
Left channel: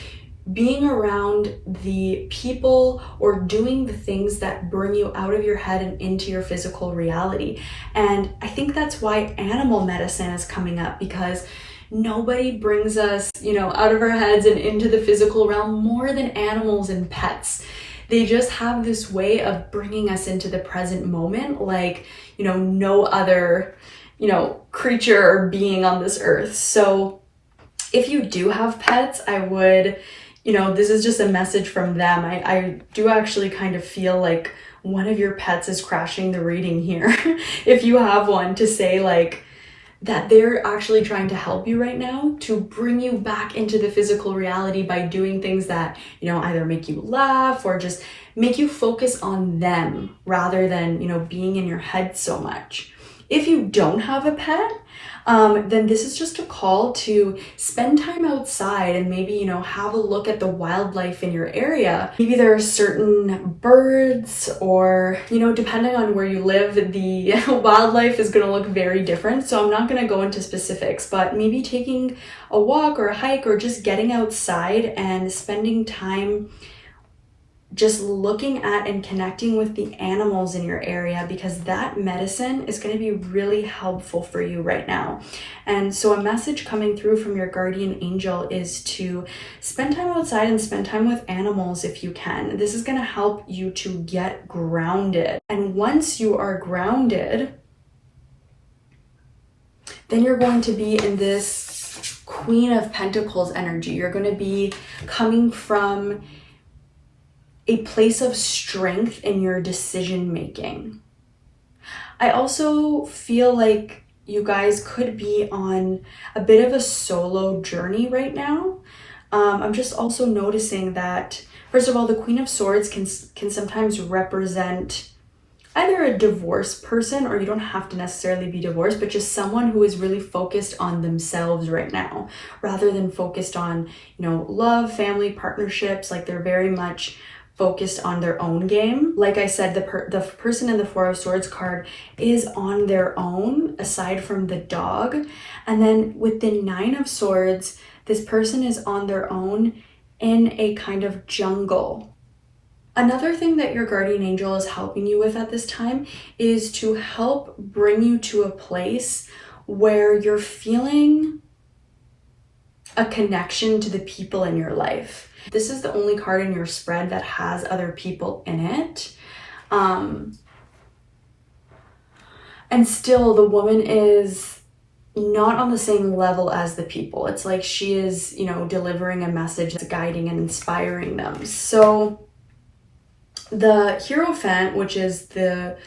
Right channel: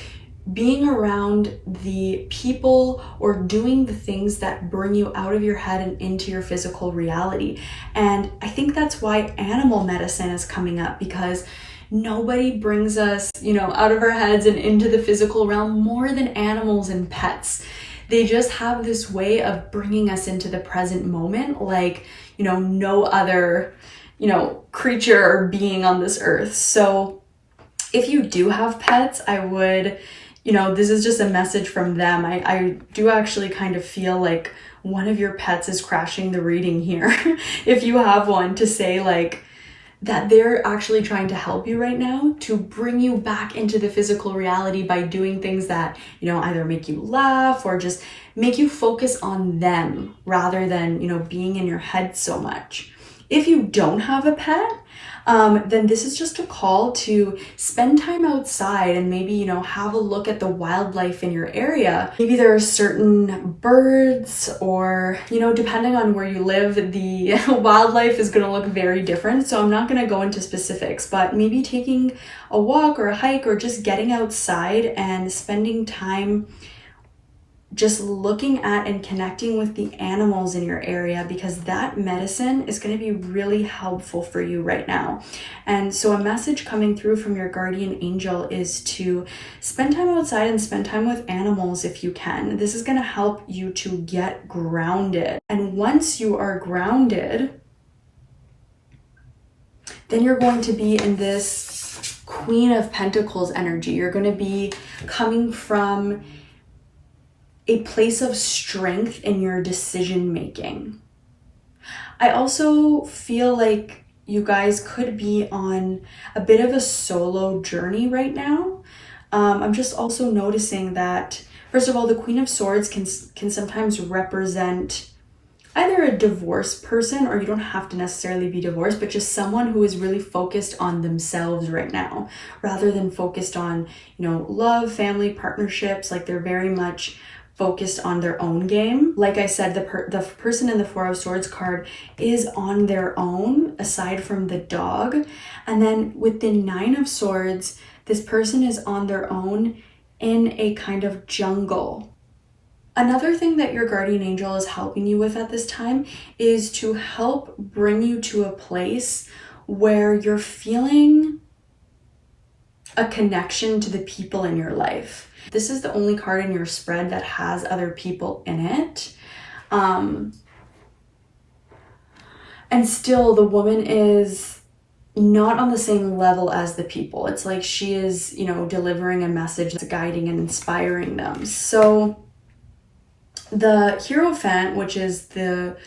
being around the people or doing the things that bring you out of your head and into your physical reality. And I think that's why animal medicine is coming up, because nobody brings us, out of our heads and into the physical realm more than animals and pets. They just have this way of bringing us into the present moment like, no other, creature or being on this earth. So if you do have pets, I would, this is just a message from them. I do actually kind of feel like one of your pets is crashing the reading here. If you have one, to say like, that they're actually trying to help you right now to bring you back into the physical reality by doing things that, either make you laugh or just make you focus on them rather than, being in your head so much. If you don't have a pet, then this is just a call to spend time outside and maybe, have a look at the wildlife in your area. Maybe there are certain birds or, depending on where you live, the wildlife is going to look very different. So I'm not going to go into specifics, but maybe taking a walk or a hike or just getting outside and spending time just looking at and connecting with the animals in your area, because that medicine is going to be really helpful for you right now. And so a message coming through from your guardian angel is to spend time outside and spend time with animals if you can. This is going to help you to get grounded. And once you are grounded, then you're going to be in this Queen of Pentacles energy. You're going to be coming from a place of strength in your decision making. I also feel like you guys could be on a bit of a solo journey right now. I'm just also noticing that, first of all, the Queen of Swords can sometimes represent either a divorced person, or you don't have to necessarily be divorced, but just someone who is really focused on themselves right now, rather than focused on, love, family, partnerships. Like they're very much focused on their own game. Like I said, the person in the Four of Swords card is on their own, aside from the dog. And then with the Nine of Swords, this person is on their own in a kind of jungle. Another thing that your guardian angel is helping you with at this time is to help bring you to a place where you're feeling a connection to the people in your life. This is the only card in your spread that has other people in it. And still the woman is not on the same level as the people. It's like she is, delivering a message that's guiding and inspiring them. So the Hierophant, which is the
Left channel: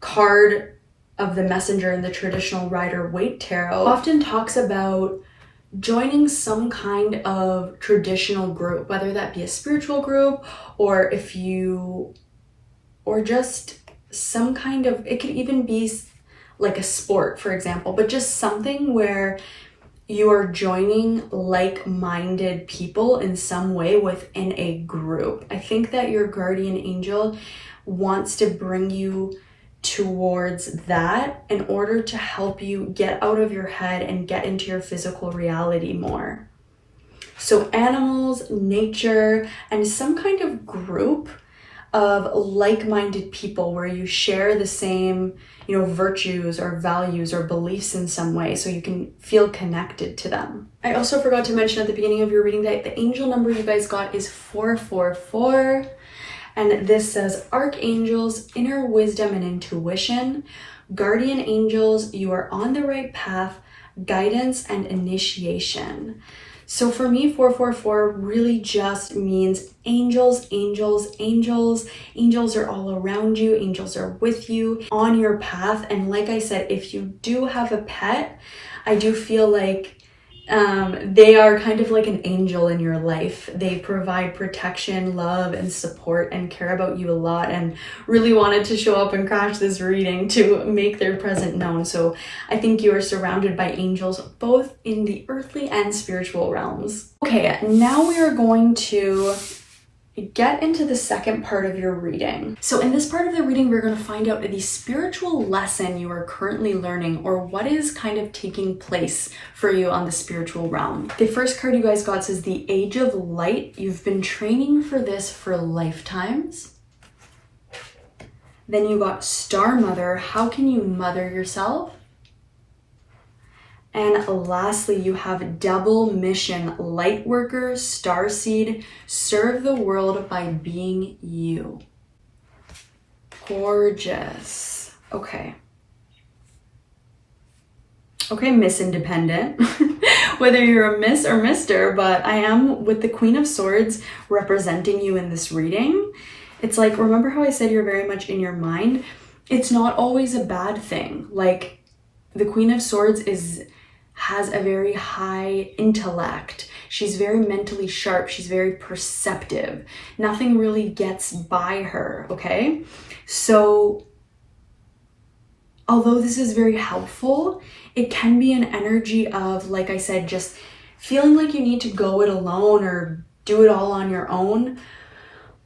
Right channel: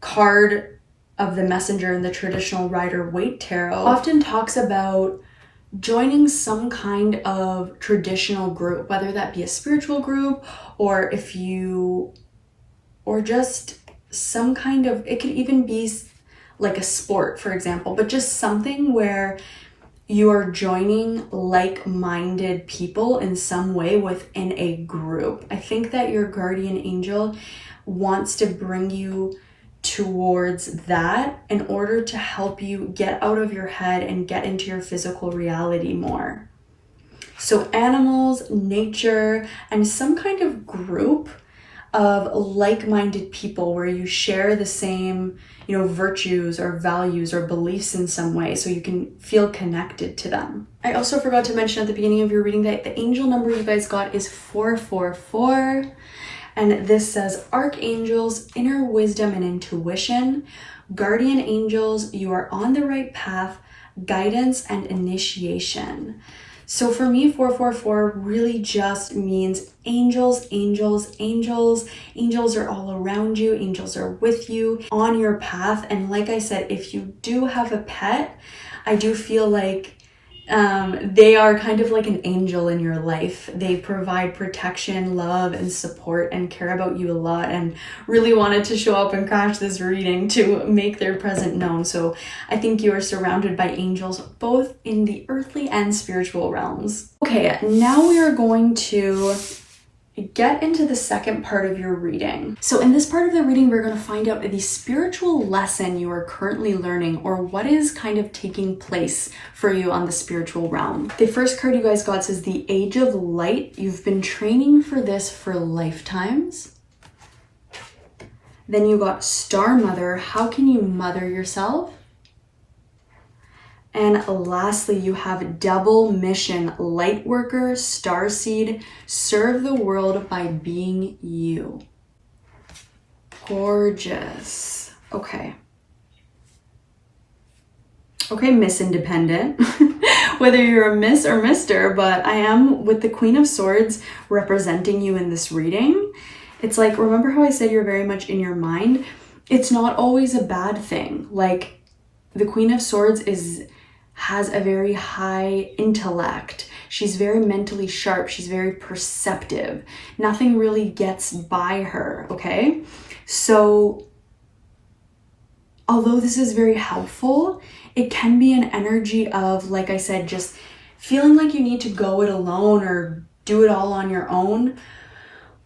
card of the messenger in the traditional Rider-Waite tarot, often talks about joining some kind of traditional group, whether that be a spiritual group or or just some kind of, it could even be like a sport, for example, but just something where you are joining like-minded people in some way within a group. I think that your guardian angel wants to bring you towards that in order to help you get out of your head and get into your physical reality more. So animals, nature, and some kind of group of like-minded people where you share the same, virtues or values or beliefs in some way, so you can feel connected to them. I also forgot to mention at the beginning of your reading that the angel number you guys got is 444. And this says, Archangels, inner wisdom and intuition. Guardian angels, you are on the right path, guidance and initiation. So for me, 444 really just means angels, angels, angels. Angels are all around you. Angels are with you on your path. And like I said, if you do have a pet, I do feel like they are kind of like an angel in your life. They provide protection, love, and support and care about you a lot, and really wanted to show up and crash this reading to make their presence known. So I think you are surrounded by angels, both in the earthly and spiritual realms. Okay, now we are going to, get into the second part of your reading. So in this part of the reading, we're going to find out the spiritual lesson you are currently learning, or what is kind of taking place for you on the spiritual realm. The first card you guys got says the Age of Light. You've been training for this for lifetimes. Then you got Star Mother. How can you mother yourself? And lastly, you have Double Mission, Light Worker, Starseed, serve the world by being you. Gorgeous. Okay, Miss Independent, whether you're a Miss or Mr., but I am with the Queen of Swords representing you in this reading. It's like, remember how I said you're very much in your mind? It's not always a bad thing. Like, the Queen of Swords has a very high intellect. She's very mentally sharp. She's very perceptive. Nothing really gets by her, okay? So, although this is very helpful, it can be an energy of, like I said, just feeling like you need to go it alone or do it all on your own.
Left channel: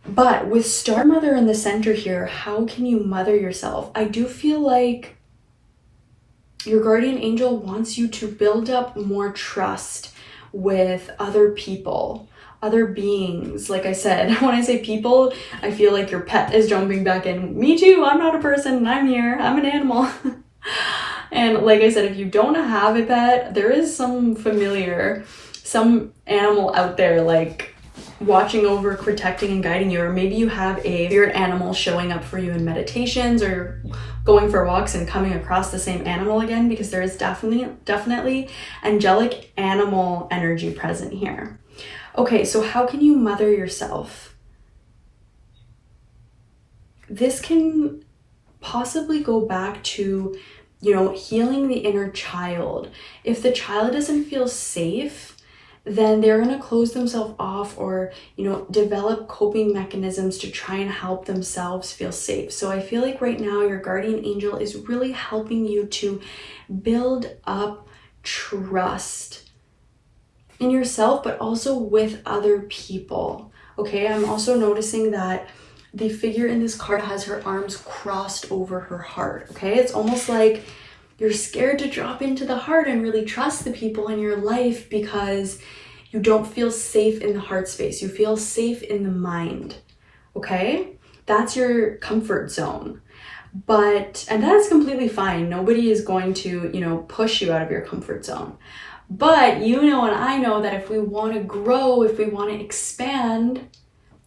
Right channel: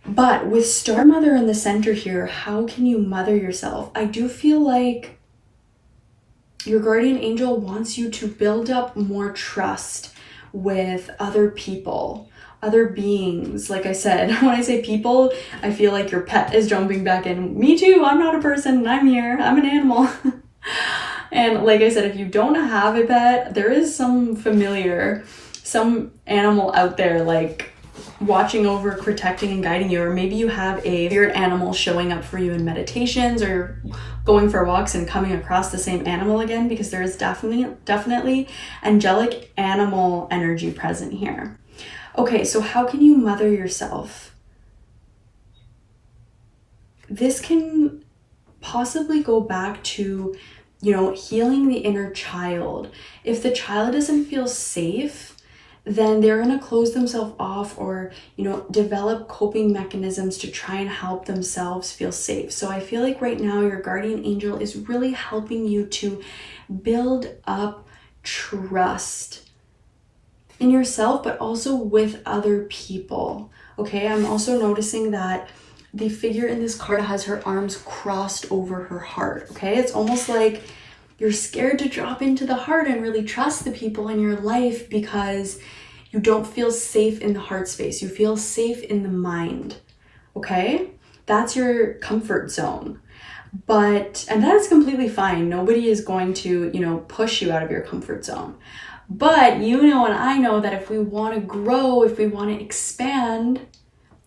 But with Star Mother in the center here, how can you mother yourself? I do feel like your guardian angel wants you to build up more trust with other people, other beings. Like I said, when I say people, I feel like your pet is jumping back in. Me too, I'm not a person, I'm here, I'm an animal. And like I said, if you don't have a pet, there is some animal out there like watching over, protecting and guiding you, or maybe you have a spirit animal showing up for you in meditations or going for walks and coming across the same animal again, because there is definitely angelic animal energy present here. Okay, so how can you mother yourself? This can possibly go back to, healing the inner child. If the child doesn't feel safe, then they're going to close themselves off or, develop coping mechanisms to try and help themselves feel safe. So I feel like right now your guardian angel is really helping you to build up trust in yourself, but also with other people. Okay, I'm also noticing that the figure in this card has her arms crossed over her heart. Okay, it's almost like you're scared to drop into the heart and really trust the people in your life because you don't feel safe in the heart space. You feel safe in the mind, okay? That's your comfort zone. And that is completely fine. Nobody is going to, push you out of your comfort zone. But and I know that if we want to grow, if we want to expand,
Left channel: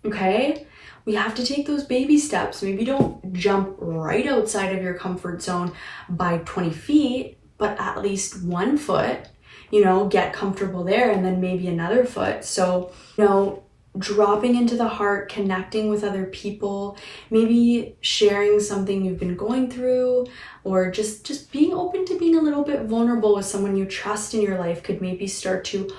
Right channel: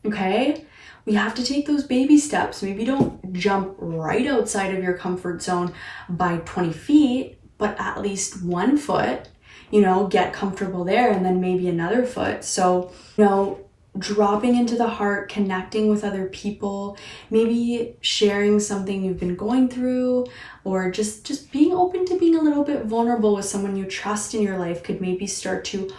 okay, we have to take those baby steps. Maybe don't jump right outside of your comfort zone by 20 feet, but at least 1 foot, get comfortable there, and then maybe another foot. So, dropping into the heart, connecting with other people, maybe sharing something you've been going through, or just being open to being a little bit vulnerable with someone you trust in your life could maybe start to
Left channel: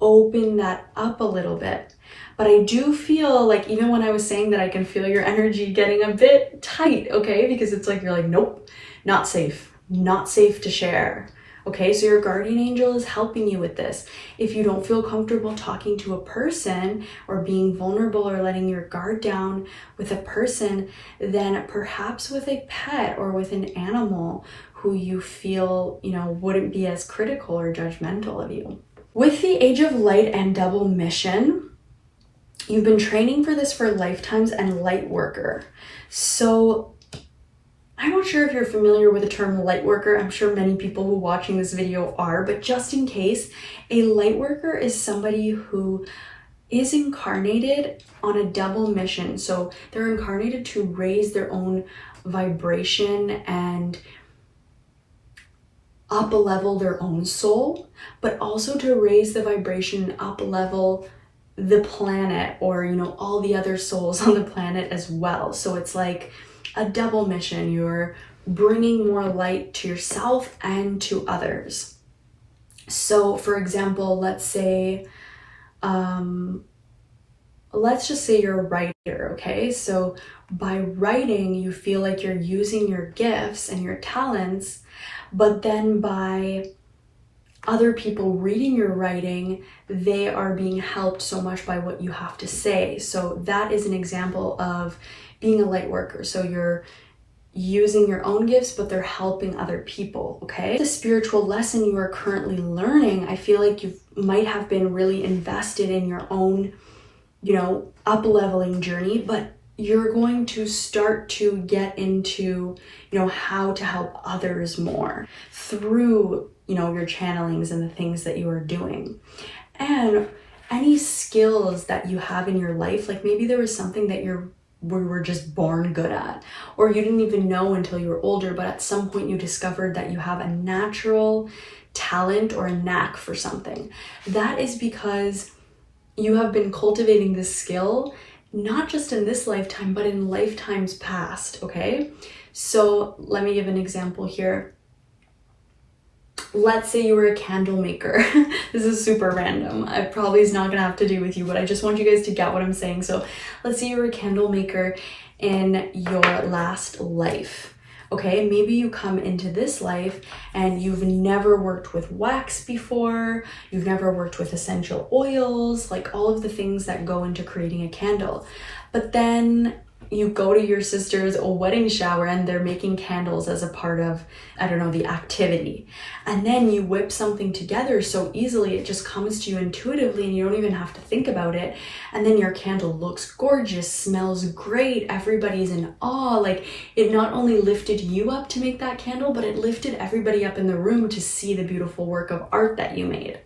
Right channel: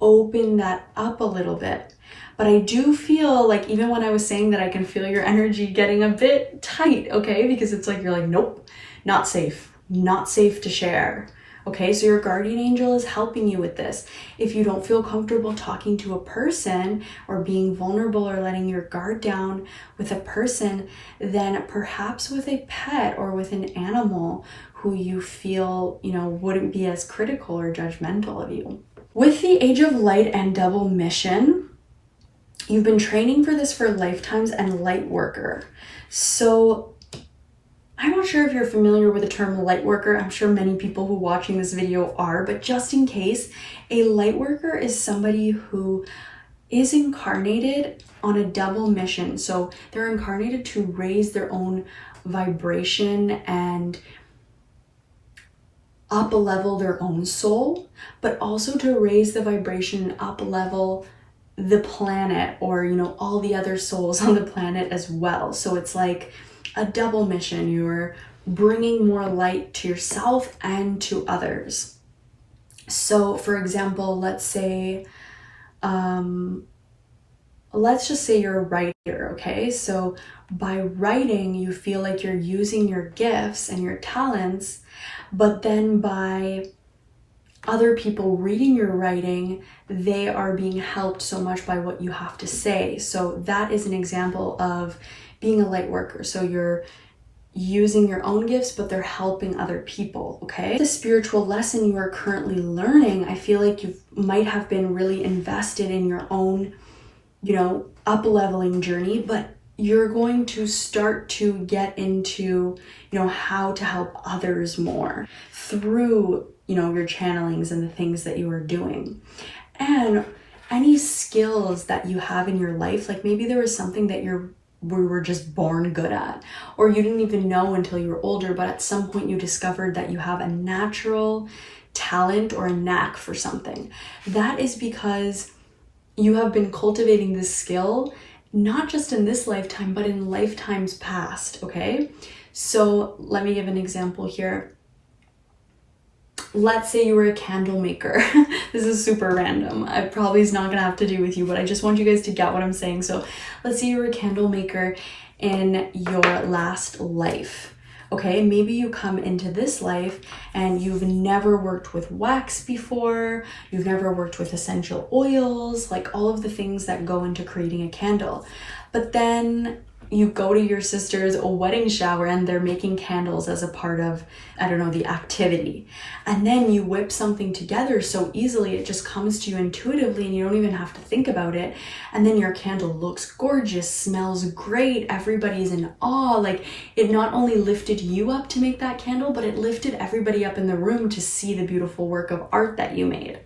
open that up a little bit. But I do feel like, even when I was saying that, I can feel your energy getting a bit tight, okay? Because it's like, you're like, nope, not safe to share. Okay, so your guardian angel is helping you with this. If you don't feel comfortable talking to a person or being vulnerable or letting your guard down with a person, then perhaps with a pet or with an animal who you feel, wouldn't be as critical or judgmental of you. With the Age of Light and Double Mission, you've been training for this for lifetimes and light worker. So I'm not sure if you're familiar with the term light worker. I'm sure many people who are watching this video are, but just in case, a light worker is somebody who is incarnated on a double mission. So they're incarnated to raise their own vibration and up level their own soul, but also to raise the vibration and up level the planet, or all the other souls on the planet as well. So it's like a double mission. You're bringing more light to yourself and to others. So for example, let's just say you're a writer, okay? So by writing, you feel like you're using your gifts and your talents, but then by other people reading your writing, they are being helped so much by what you have to say. So that is an example of being a light worker. So you're using your own gifts, but they're helping other people, okay? The spiritual lesson you are currently learning, I feel like you might have been really invested in your own, you know, up-leveling journey, but you're going to start to get into, you know, how to help others more through, you know, your channelings and the things that you are doing. And any skills that you have in your life, like maybe there was something that we were just born good at, or you didn't even know until you were older, but at some point you discovered that you have a natural talent or a knack for something. That is because you have been cultivating this skill, not just in this lifetime, but in lifetimes past, okay? So let me give an example here. Let's say you were a candle maker. This is super random. It probably is not gonna have to do with you, but I just want you guys to get what I'm saying. So let's say you were a candle maker in your last life. Okay, maybe you come into this life and you've never worked with wax before, you've never worked with essential oils, like all of the things that go into creating a candle. But then you go to your sister's wedding shower and they're making candles as a part of, I don't know, the activity. And then you whip something together so easily, it just comes to you intuitively and you don't even have to think about it. And then your candle looks gorgeous, smells great, everybody's in awe. Like, it not only lifted you up to make that candle, but it lifted everybody up in the room to see the beautiful work of art that you made.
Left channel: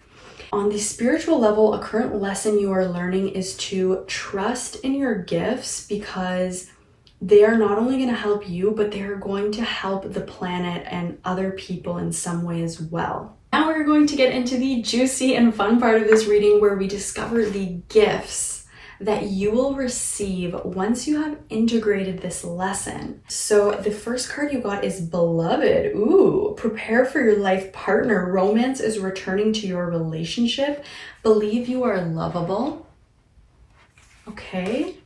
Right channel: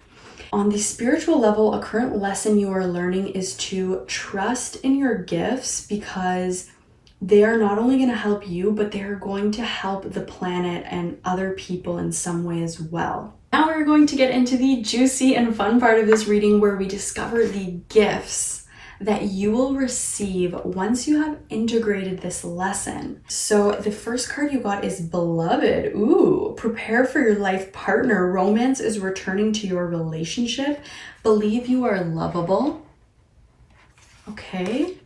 On the spiritual level, a current lesson you are learning is to trust in your gifts, because they are not only going to help you, but they are going to help the planet and other people in some way as well. Now we're going to get into the juicy and fun part of this reading, where we discover the gifts that you will receive once you have integrated this lesson. So the first card you got is Beloved. Ooh, prepare for your life partner. Romance is returning to your relationship. Believe you are lovable. Okay.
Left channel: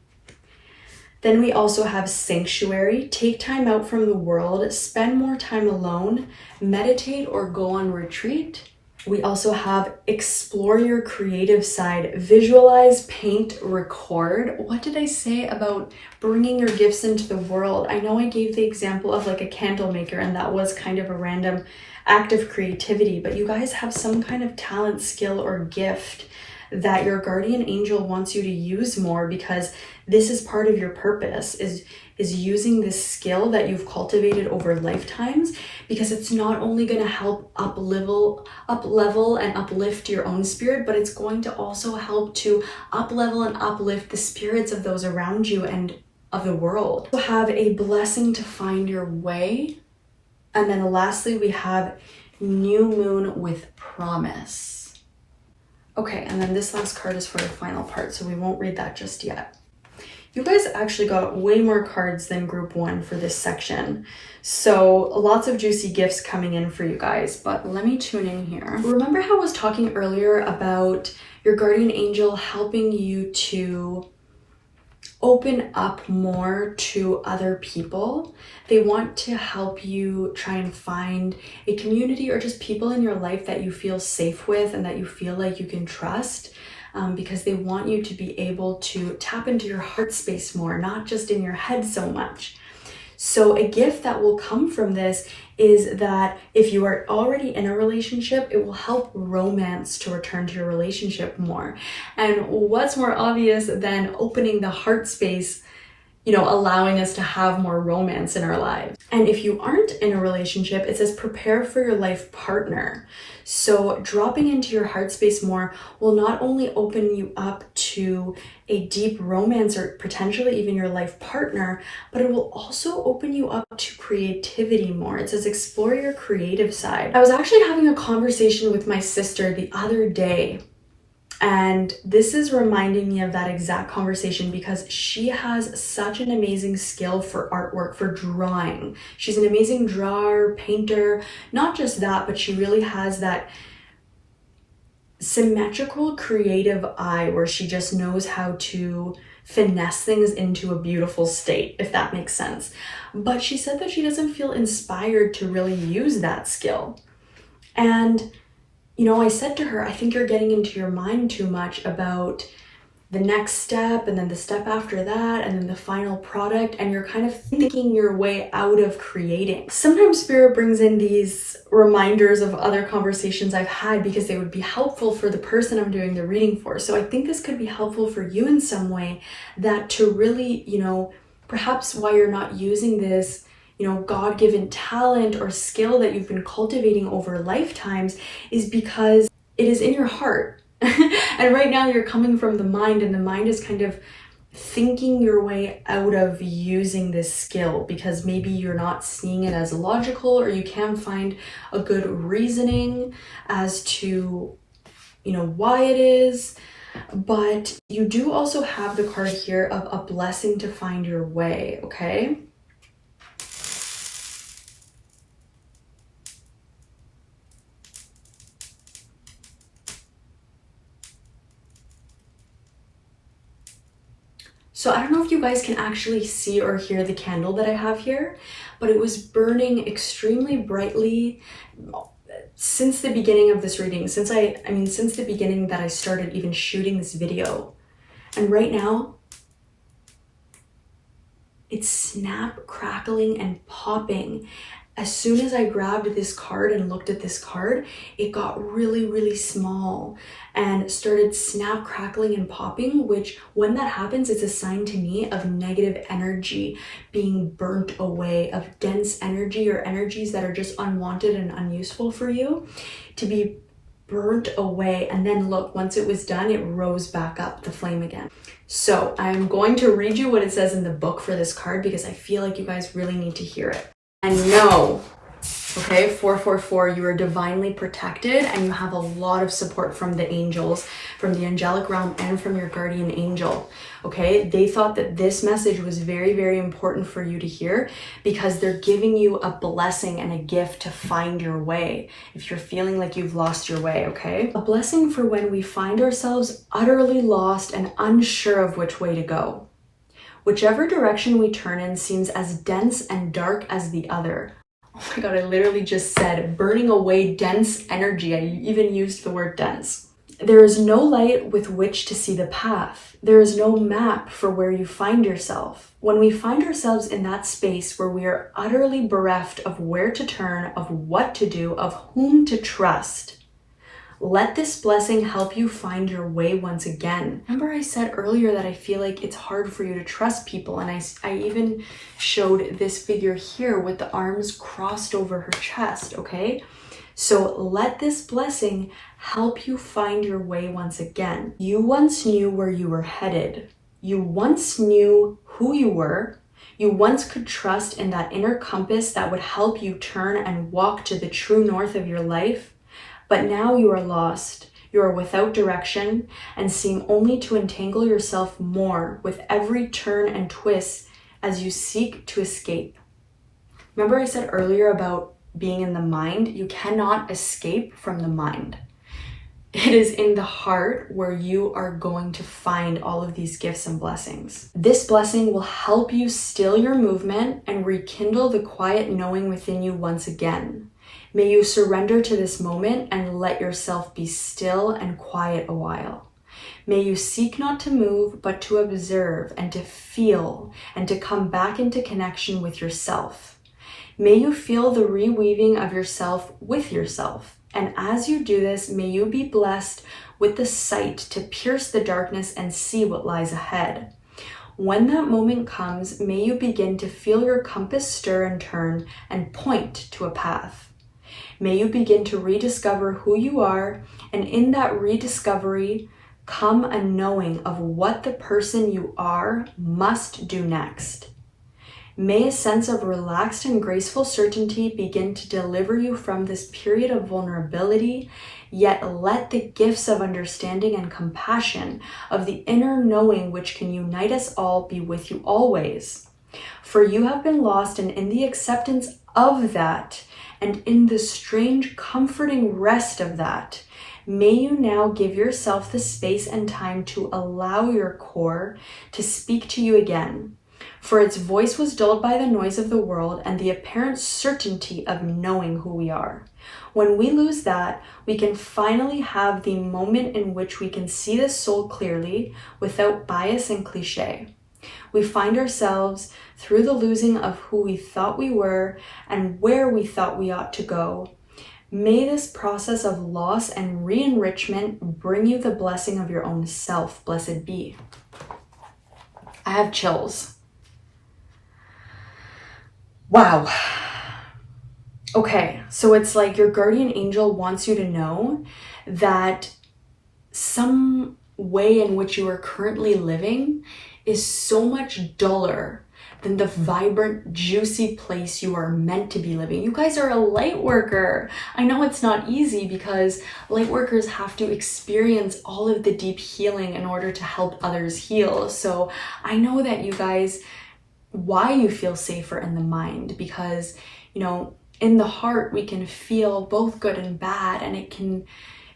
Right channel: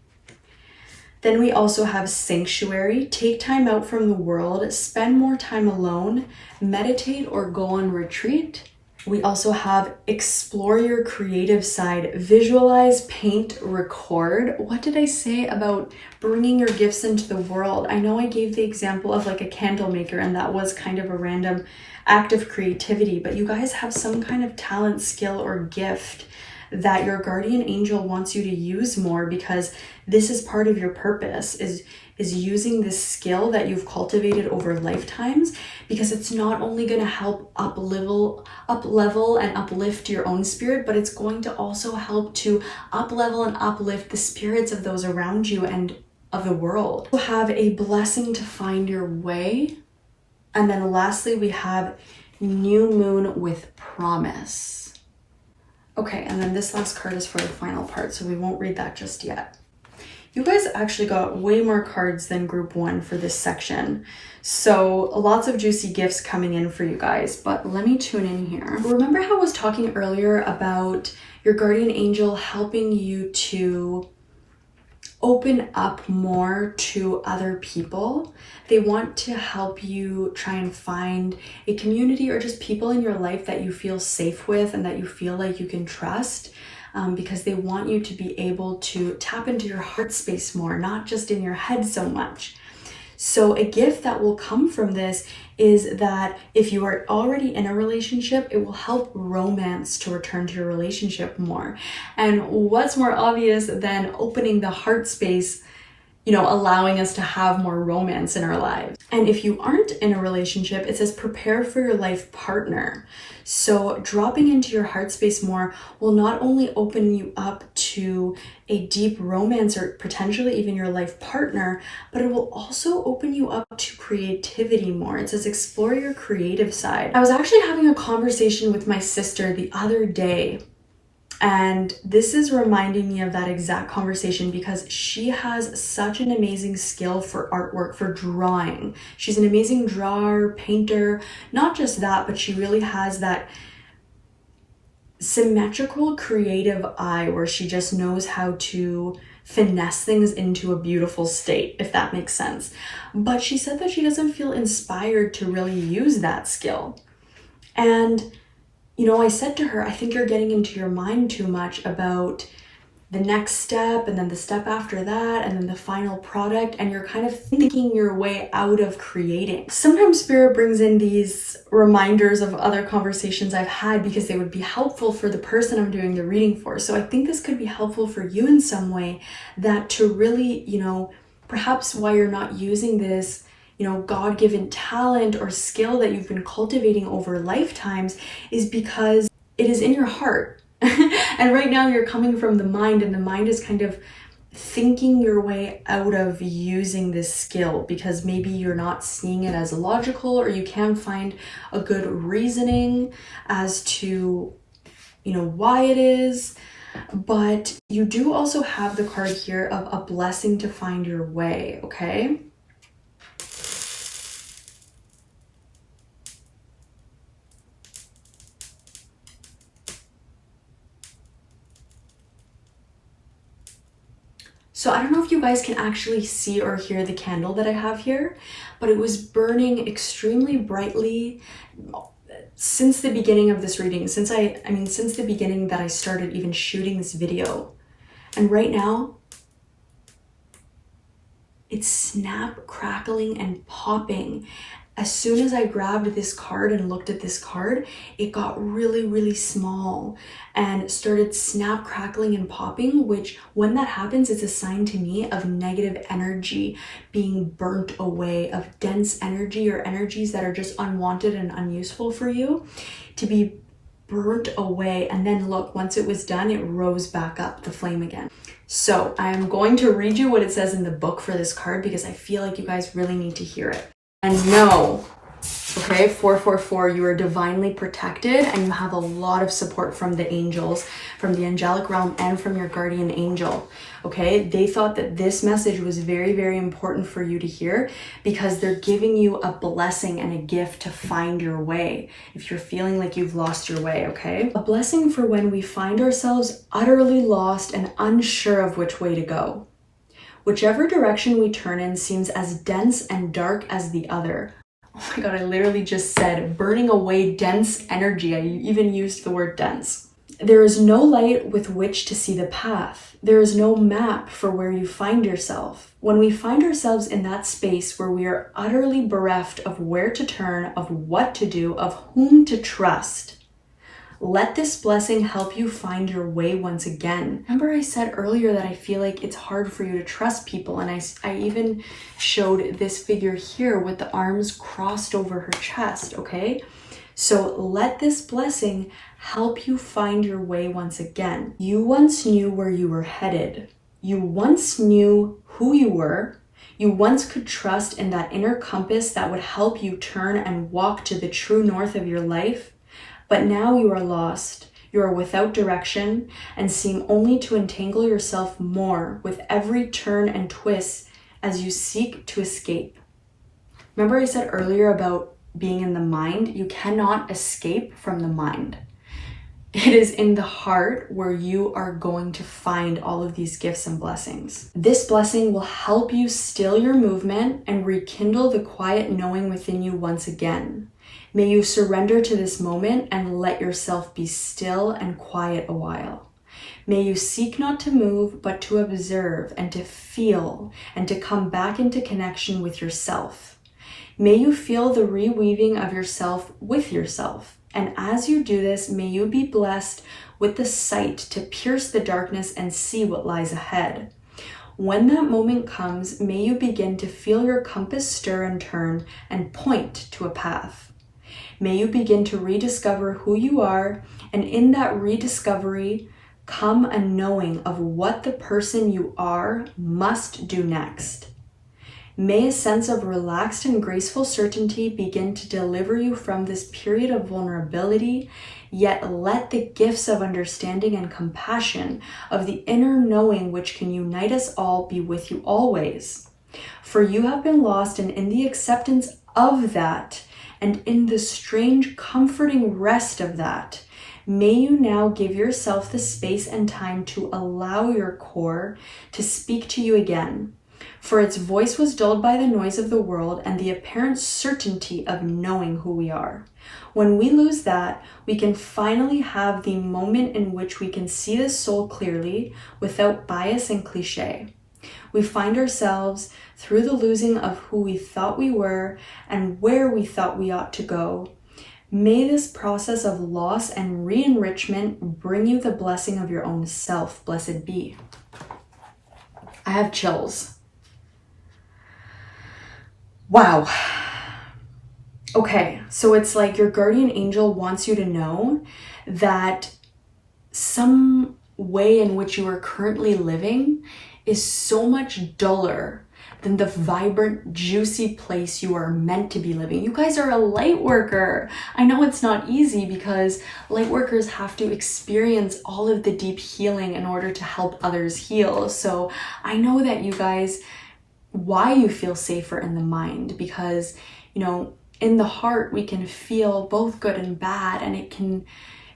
Then we also have Sanctuary. Take time out from the world. Spend more time alone. Meditate or go on retreat. We also have Explore your creative side. Visualize, paint, record. What did I say about bringing your gifts into the world? I know I gave the example of like a candle maker, and that was kind of a random act of creativity, but you guys have some kind of talent, skill, or gift that your guardian angel wants you to use more, because this is part of your purpose, is using this skill that you've cultivated over lifetimes, because it's not only going to help up level and uplift your own spirit, but it's going to also help to up level and uplift the spirits of those around you and of the world. You have a blessing to find your way. And then lastly, we have New Moon with Promise. Okay, and then this last card is for the final part, so we won't read that just yet. You guys actually got way more cards than group 1 for this section. So lots of juicy gifts coming in for you guys, but let me tune in here. Remember how I was talking earlier about your guardian angel helping you to open up more to other people? They want to help you try and find a community or just people in your life that you feel safe with and that you feel like you can trust. Because they want you to be able to tap into your heart space more, not just in your head so much. So a gift that will come from this is that if you are already in a relationship, it will help romance to return to your relationship more. And what's more obvious than opening the heart space, you know, allowing us to have more romance in our lives. And if you aren't in a relationship, it says prepare for your life partner. So dropping into your heart space more will not only open you up to a deep romance or potentially even your life partner, but it will also open you up to creativity more. It says explore your creative side. I was actually having a conversation with my sister the other day, and this is reminding me of that exact conversation, because she has such an amazing skill for artwork, for drawing. She's an amazing drawer, painter. Not just that, but she really has that symmetrical creative eye where she just knows how to finesse things into a beautiful state, if that makes sense. But she said that she doesn't feel inspired to really use that skill. And you know, I said to her, I think you're getting into your mind too much about the next step and then the step after that and then the final product, and you're kind of thinking your way out of creating. Sometimes Spirit brings in these reminders of other conversations I've had because they would be helpful for the person I'm doing the reading for. So I think this could be helpful for you in some way, that to really, you know, perhaps why you're not using this, you know, God-given talent or skill that you've been cultivating over lifetimes is because it is in your heart. And right now you're coming from the mind, and the mind is kind of thinking your way out of using this skill because maybe you're not seeing it as logical, or you can't find a good reasoning as to, you know, why it is. But you do also have the card here of a blessing to find your way, okay? So I don't know if you guys can actually see or hear the candle that I have here, but it was burning extremely brightly since the beginning of this reading, since the beginning that I started even shooting this video. And right now, it's snap, crackling, and popping. As soon as I grabbed this card and looked at this card, it got really, really small and started snap, crackling, and popping, which when that happens, it's a sign to me of negative energy being burnt away, of dense energy or energies that are just unwanted and unuseful for you to be burnt away. And then look, once it was done, it rose back up, the flame again. So I'm going to read you what it says in the book for this card because I feel like you guys really need to hear it. And no, okay, 444, you are divinely protected and you have a lot of support from the angels, from the angelic realm, and from your guardian angel, okay? They thought that this message was very, very important for you to hear because they're giving you a blessing and a gift to find your way if you're feeling like you've lost your way, okay? A blessing for when we find ourselves utterly lost and unsure of which way to go. Whichever direction we turn in seems as dense and dark as the other. Oh my God, I literally just said burning away dense energy. I even used the word dense. There is no light with which to see the path. There is no map for where you find yourself. When we find ourselves in that space where we are utterly bereft of where to turn, of what to do, of whom to trust, let this blessing help you find your way once again. Remember I said earlier that I feel like it's hard for you to trust people, and I even showed this figure here with the arms crossed over her chest, okay? So let this blessing help you find your way once again. You once knew where you were headed. You once knew who you were. You once could trust in that inner compass that would help you turn and walk to the true north of your life. But now you are lost, you are without direction, and seem only to entangle yourself more with every turn and twist as you seek to escape. Remember I said earlier about being in the mind? You cannot escape from the mind. It is in the heart where you are going to find all of these gifts and blessings. This blessing will help you still your movement and rekindle the quiet knowing within you once again. May you surrender to this moment and let yourself be still and quiet a while. May you seek not to move, but to observe and to feel and to come back into connection with yourself. May you feel the reweaving of yourself with yourself. And as you do this, may you be blessed with the sight to pierce the darkness and see what lies ahead. When that moment comes, may you begin to feel your compass stir and turn and point to a path. May you begin to rediscover who you are, and in that rediscovery, come a knowing of what the person you are must do next. May a sense of relaxed and graceful certainty begin to deliver you from this period of vulnerability, yet let the gifts of understanding and compassion of the inner knowing which can unite us all be with you always. For you have been lost, and in the acceptance of that, and in the strange, comforting rest of that, may you now give yourself the space and time to allow your core to speak to you again. For its voice was dulled by the noise of the world and the apparent certainty of knowing who we are. When we lose that, we can finally have the moment in which we can see the soul clearly without bias and cliche. We find ourselves through the losing of who we thought we were and where we thought we ought to go. May this process of loss and re-enrichment bring you the blessing of your own self. Blessed be. I have chills. Wow. Okay, so it's like your guardian angel wants you to know that some way in which you are currently living is so much duller than the vibrant, juicy place you are meant to be living. You guys are a light worker. I know it's not easy because light workers have to experience all of the deep healing in order to help others heal. So I know that you guys, why you feel safer in the mind, because, you know, in the heart, we can feel both good and bad, and it can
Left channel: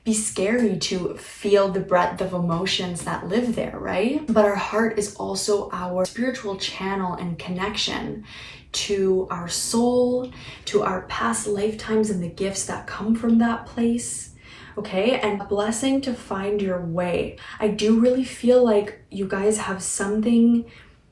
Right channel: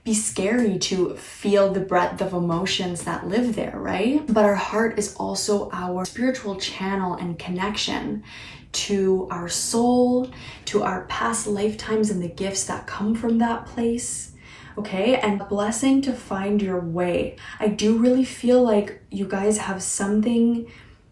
be scary to feel the breadth of emotions that live there, right? But our heart is also our spiritual channel and connection to our soul, to our past lifetimes and the gifts that come from that place. Okay, and a blessing to find your way. I do really feel like you guys have something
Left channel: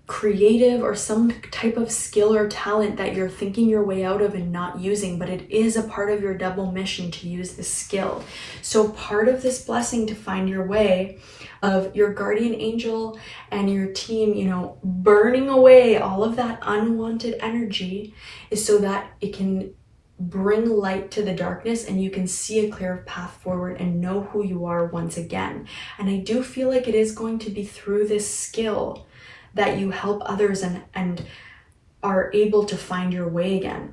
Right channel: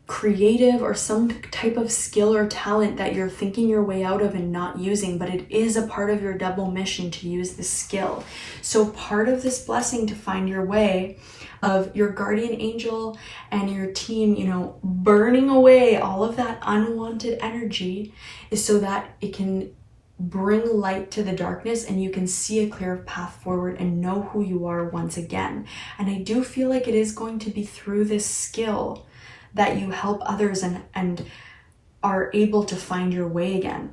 creative or some type of skill or talent that you're thinking your way out of and not using, but it is a part of your double mission to use this skill. So part of this blessing to find your way of your guardian angel and your team, you know, burning away all of that unwanted energy is so that it can bring light to the darkness and you can see a clear path forward and know who you are once again. And I do feel like it is going to be through this skill that you help others and are able to find your way again.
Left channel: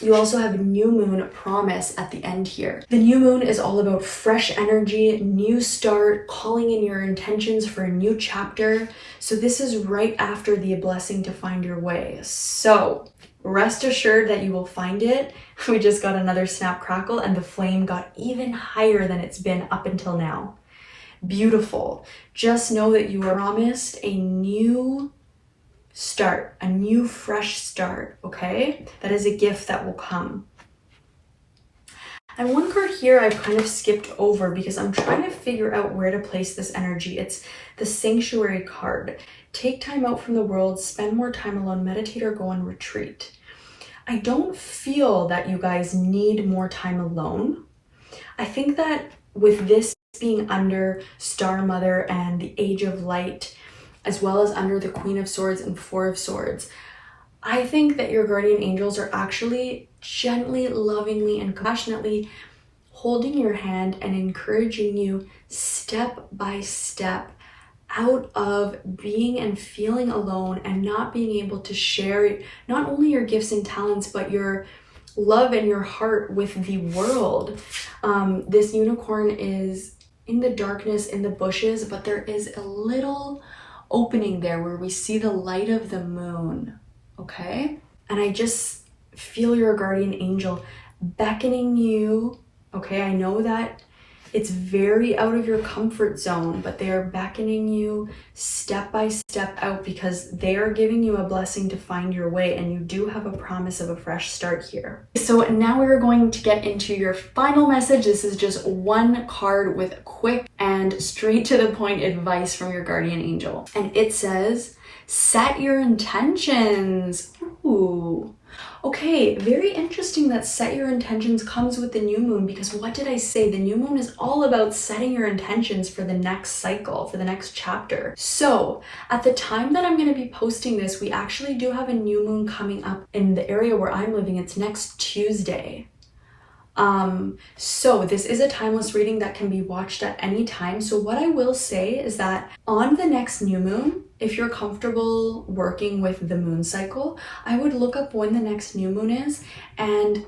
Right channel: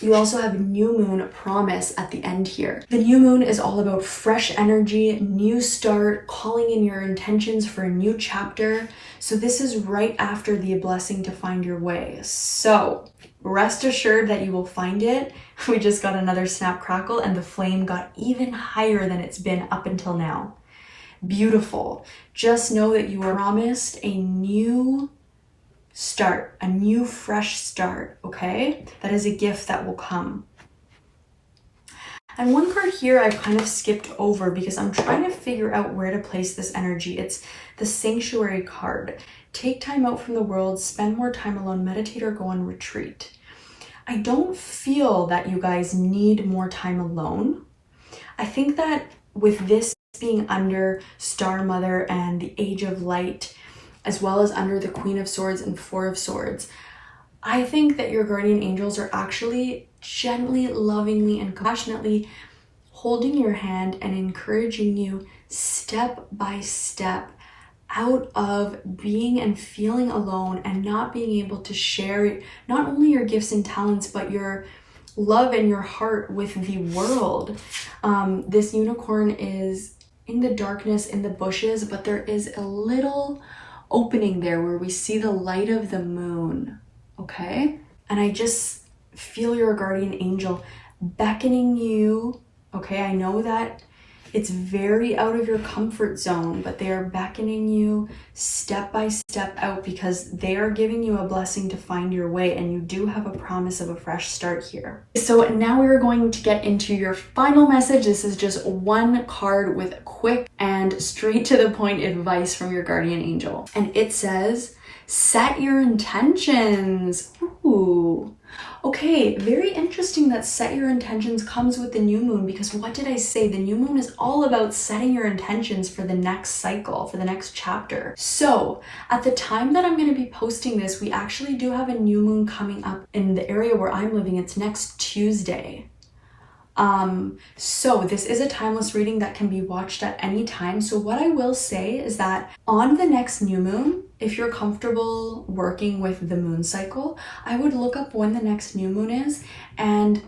You also have new moon promise at the end here. The new moon is all about fresh energy, new start, calling in your intentions for a new chapter. So this is right after the blessing to find your way. So rest assured that you will find it. We just got another snap crackle and the flame got even higher than it's been up until now. Beautiful. Just know that you are promised a new start, a new fresh start, okay? That is a gift that will come. And one card here I've kind of skipped over because I'm trying to figure out where to place this energy. It's the Sanctuary card. Take time out from the world, spend more time alone, meditate or go on retreat. I don't feel that you guys need more time alone. I think that with this being under Star Mother and the Age of Light, as well as under the Queen of Swords and Four of Swords, I think that your guardian angels are actually gently, lovingly, and compassionately holding your hand and encouraging you step by step out of being and feeling alone and not being able to share not only your gifts and talents, but your love and your heart with the world. This unicorn is in the darkness, in the bushes, but there is a little opening there where we see the light of the moon, okay? And I just feel your guardian angel beckoning you, okay? I know that it's very out of your comfort zone, but they are beckoning you step by step out because they are giving you a blessing to find your way, and you do have a promise of a fresh start here. So now we're going to get into your final message. This is just one card with quick and straight to the point advice from your guardian angel. And it says, set your intentions. Ooh. Okay, very interesting that set your intentions comes with the new moon, because what did I say? The new moon is all about setting your intentions for the next cycle, for the next chapter. So at the time that I'm going to be posting this, we actually do have a new moon coming up in the area where I'm living. It's next Tuesday. So this is a timeless reading that can be watched at any time. So what I will say is that on the next new moon, if you're comfortable working with the moon cycle, I would look up when the next new moon is, and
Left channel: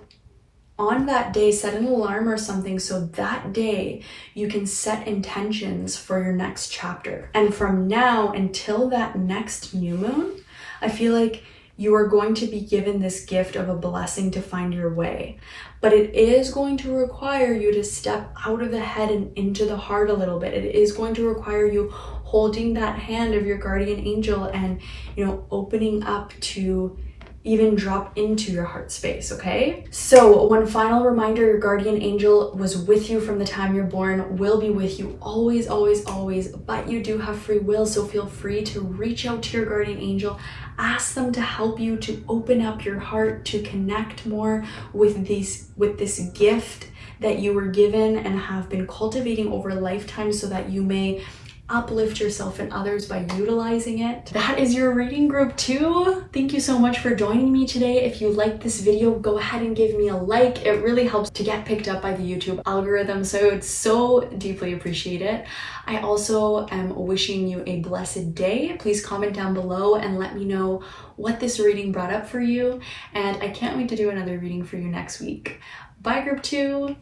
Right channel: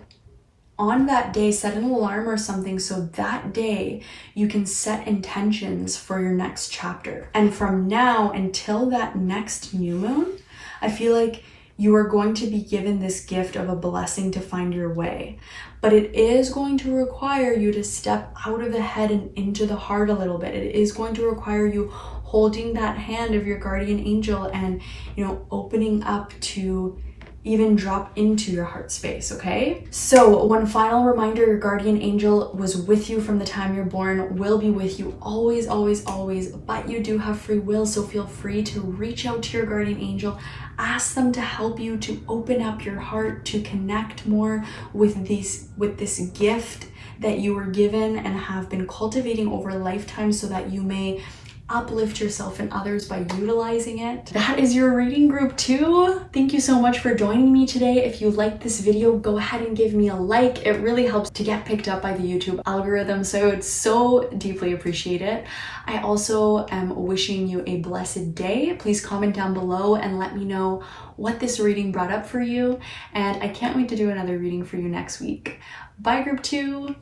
on that day set an alarm or something so that day you can set intentions for your next chapter. And from now until that next new moon, I feel like you are going to be given this gift of a blessing to find your way. But it is going to require you to step out of the head and into the heart a little bit. It is going to require you holding that hand of your guardian angel and, you know, opening up to even drop into your heart space, okay? So one final reminder, your guardian angel was with you from the time you're born, will be with you always, always, always, but you do have free will, so feel free to reach out to your guardian angel, ask them to help you to open up your heart, to connect more with this gift that you were given and have been cultivating over a lifetime so that you may uplift yourself and others by utilizing it. That is your reading group 2. Thank you so much for joining me today. If you liked this video, go ahead and give me a like. It really helps to get picked up by the YouTube algorithm, so I would so deeply appreciate it. I also am wishing you a blessed day. Please comment down below and let me know what this reading brought up for you, and I can't wait to do another reading for you next week. Bye, group 2.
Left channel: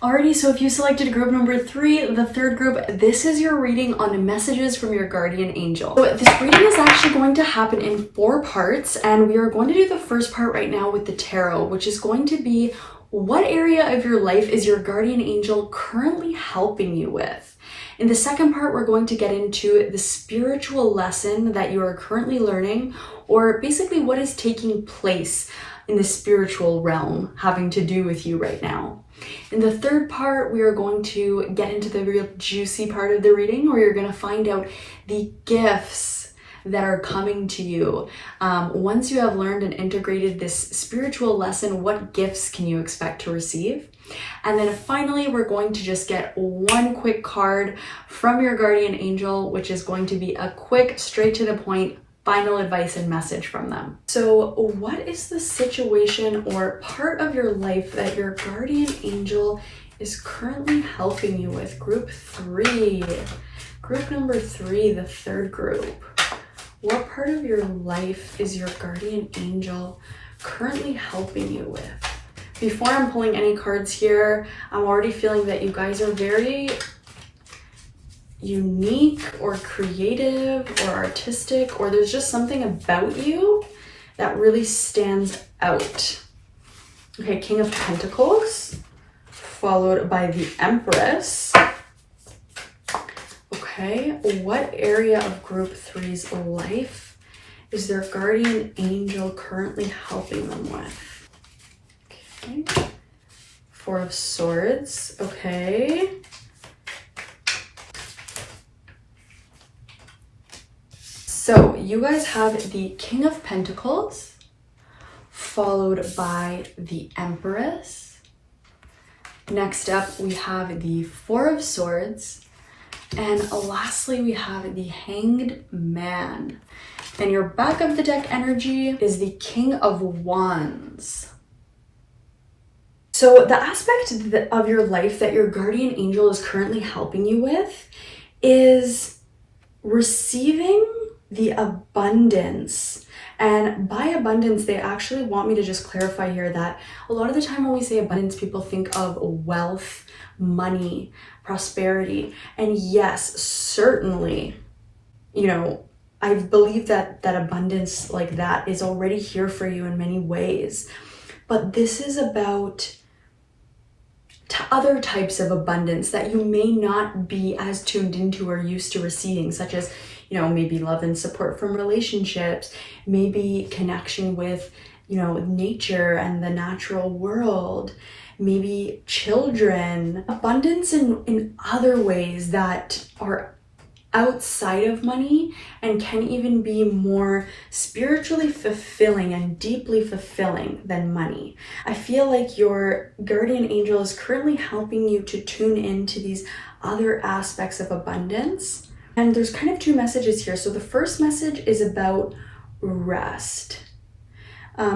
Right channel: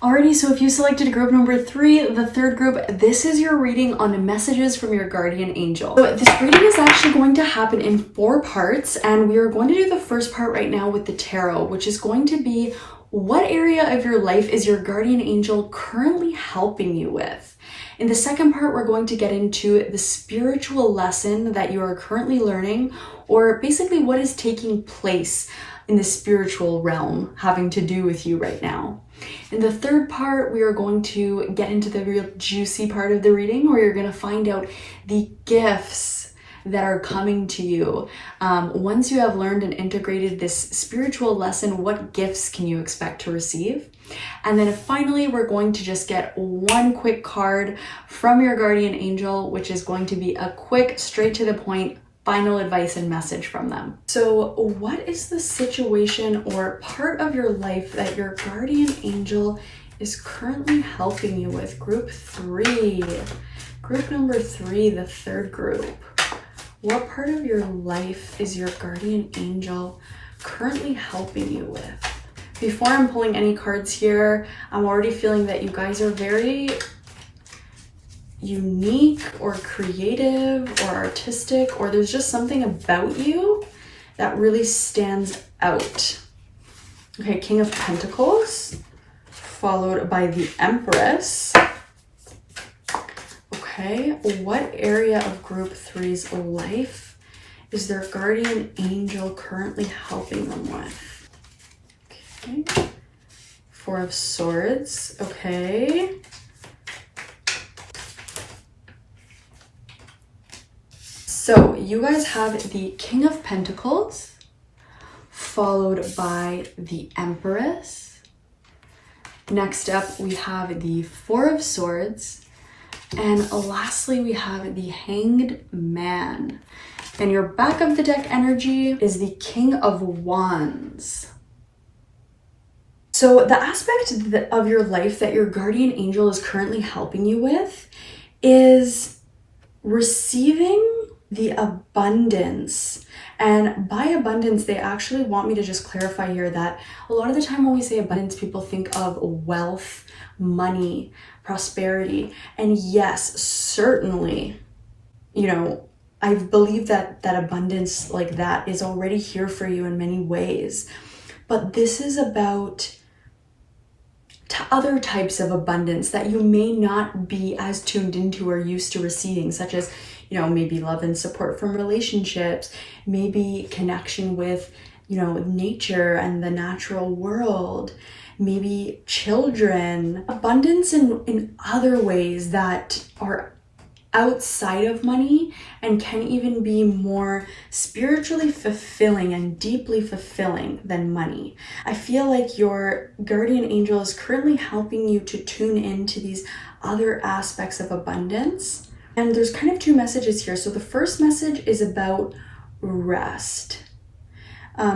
Alrighty, so if you selected group number 3, the third group, this is your reading on messages from your guardian angel. So this reading is actually going to happen in 4 parts, and we are going to do the first part right now with the tarot, which is going to be what area of your life is your guardian angel currently helping you with. In the second part, we're going to get into the spiritual lesson that you are currently learning, or basically what is taking place in the spiritual realm having to do with you right now. In the third part, we are going to get into the real juicy part of the reading where you're going to find out the gifts that are coming to you. Once you have learned and integrated this spiritual lesson, what gifts can you expect to receive? And then finally, we're going to just get one quick card from your guardian angel, which is going to be a quick, straight to the point, final advice and message from them. So what is the situation or part of your life that your guardian angel is currently helping you with? Group 3. Group number 3, the third group. What part of your life is your guardian angel currently helping you with? Before I'm pulling any cards here, I'm already feeling that you guys are very unique or creative or artistic, or there's just something about you that really stands out. Okay, King of Pentacles, followed by the Empress. Okay, what area of group 3's life is their guardian angel currently helping them with? Okay, 4 of Swords, okay. So you guys have the King of Pentacles, followed by the Empress. Next up, we have the 4 of Swords. And lastly, we have the Hanged Man. And your back of the deck energy is the King of Wands. So the aspect of your life that your guardian angel is currently helping you with is receiving the abundance. And by abundance, they actually want me to just clarify here that a lot of the time when we say abundance, people think of wealth, money, prosperity. And yes, certainly, you know, I believe that abundance like that is already here for you in many ways. But this is about other types of abundance that you may not be as tuned into or used to receiving, such as, you know, maybe love and support from relationships, maybe connection with, you know, nature and the natural world, maybe children, abundance in other ways that are outside of money and can even be more spiritually fulfilling and deeply fulfilling than money. I feel like your guardian angel is currently helping you to tune into these other aspects of abundance. And there's kind of 2 messages here. So the first message is about rest.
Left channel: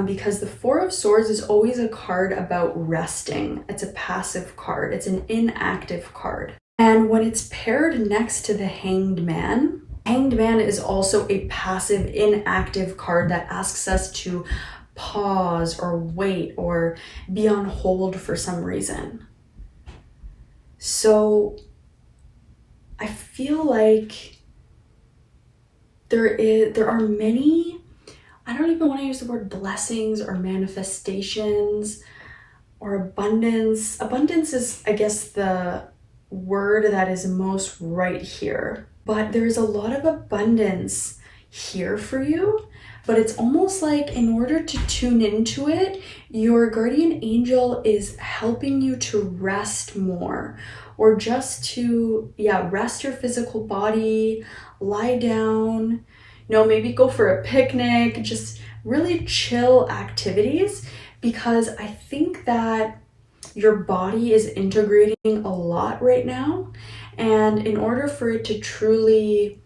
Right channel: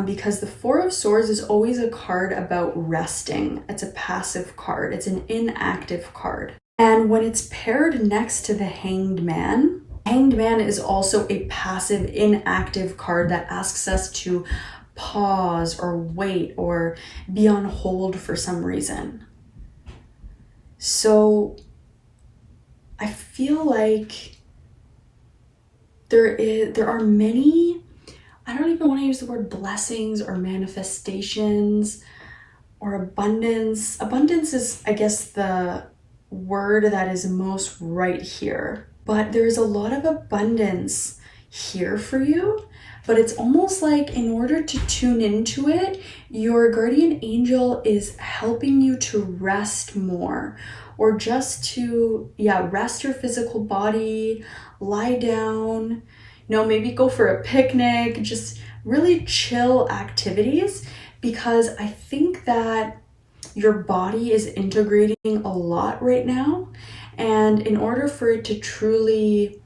Because the 4 of Swords is always a card about resting. It's a passive card. It's an inactive card. And when it's paired next to the Hanged Man is also a passive, inactive card that asks us to pause or wait or be on hold for some reason. So I feel like there are many, I don't even want to use the word blessings or manifestations or abundance. Abundance is, I guess, the word that is most right here. but there's a lot of abundance here for you. But it's almost like in order to tune into it, your guardian angel is helping you to rest more, or just to, rest your physical body, lie down, maybe go for a picnic, just really chill activities, because I think that your body is integrating a lot right now. And in order for it to truly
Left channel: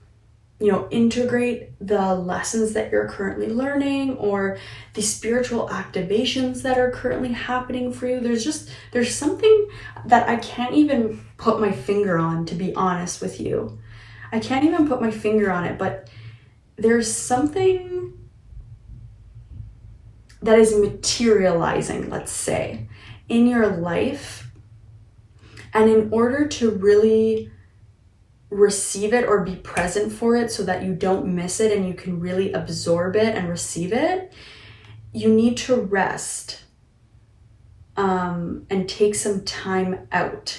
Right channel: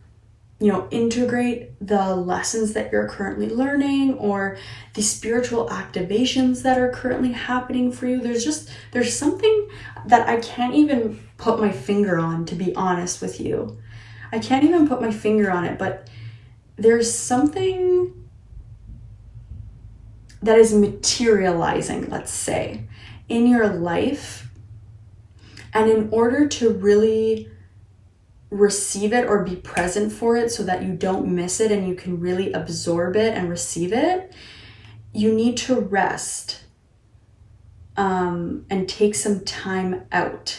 integrate the lessons that you're currently learning, or the spiritual activations that are currently happening for you, there's something that I can't even put my finger on, to be honest with you. I can't even put my finger on it, but there's something that is materializing, let's say, in your life. And in order to really receive it or be present for it so that you don't miss it and you can really absorb it and receive it, you need to rest and take some time out.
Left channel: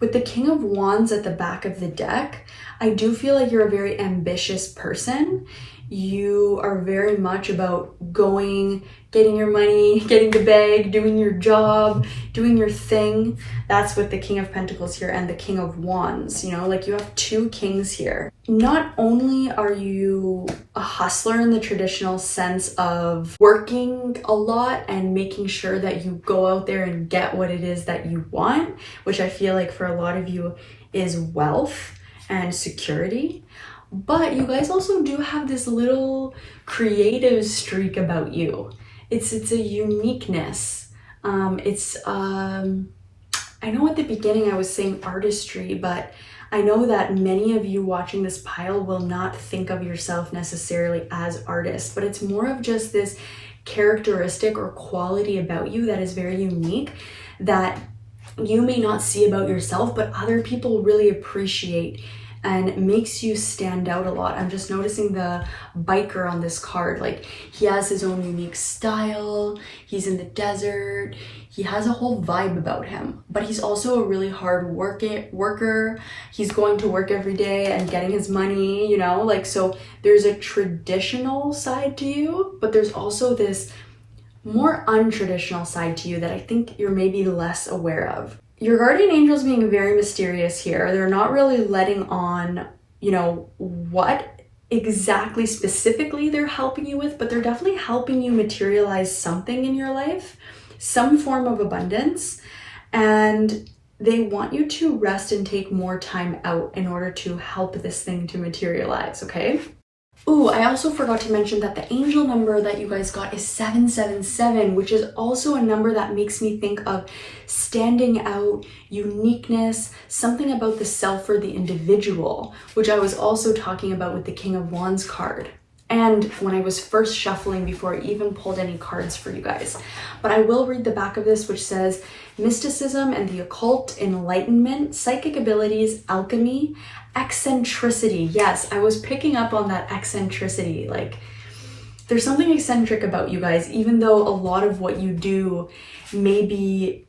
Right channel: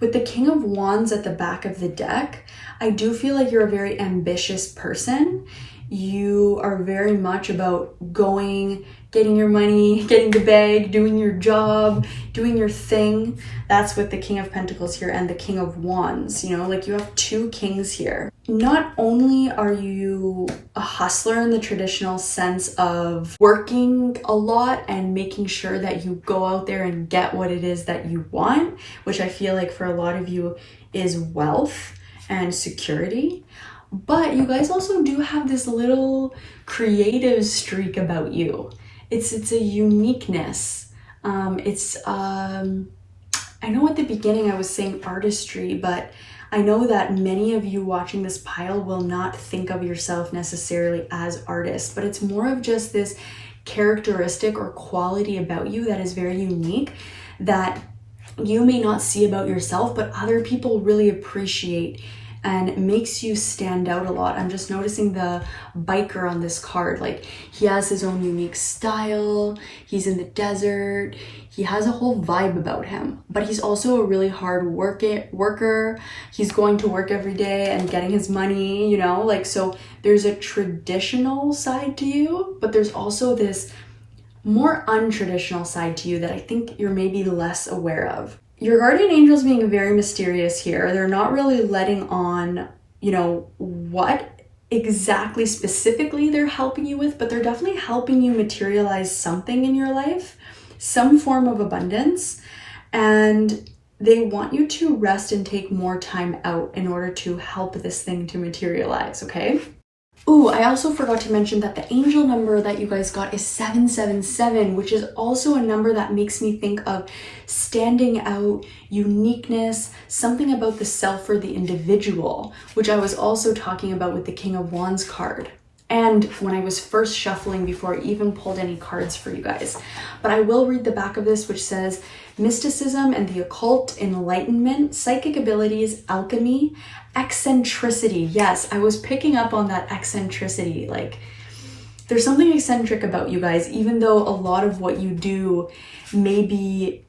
With the King of Wands at the back of the deck, I do feel like you're a very ambitious person. You are very much about going, getting your money, getting the bag, doing your job, doing your thing. That's with the King of Pentacles here and the King of Wands. Like you have two kings here. Not only are you a hustler in the traditional sense of working a lot and making sure that you go out there and get what it is that you want, which I feel like for a lot of you is wealth and security, but you guys also do have this little creative streak about you. It's a uniqueness. I know at the beginning I was saying artistry, but I know that many of you watching this pile will not think of yourself necessarily as artists, but it's more of just this characteristic or quality about you that is very unique, that you may not see about yourself, but other people really appreciate and makes you stand out a lot. I'm just noticing the biker on this card. Like, he has his own unique style. He's in the desert. He has a whole vibe about him, but he's also a really hard worker. He's going to work every day and getting his money, so there's a traditional side to you, but there's also this more untraditional side to you that I think you're maybe less aware of. Your guardian angels being very mysterious here. They're not really letting on, what exactly specifically they're helping you with, but they're definitely helping you materialize something in your life, some form of abundance, and they want you to rest and take more time out in order to help this thing to materialize, okay? Ooh, I also forgot to mention that the angel number that you guys got is 777, which is also a number that makes me think of standing out, uniqueness, something about the self or the individual, which I was also talking about with the King of Wands card. And when I was first shuffling before I even pulled any cards for you guys. But I will read the back of this, which says, mysticism and the occult, enlightenment, psychic abilities, alchemy, eccentricity. Yes, I was picking up on that eccentricity. Like, there's something eccentric about you guys, even though a lot of what you do may be,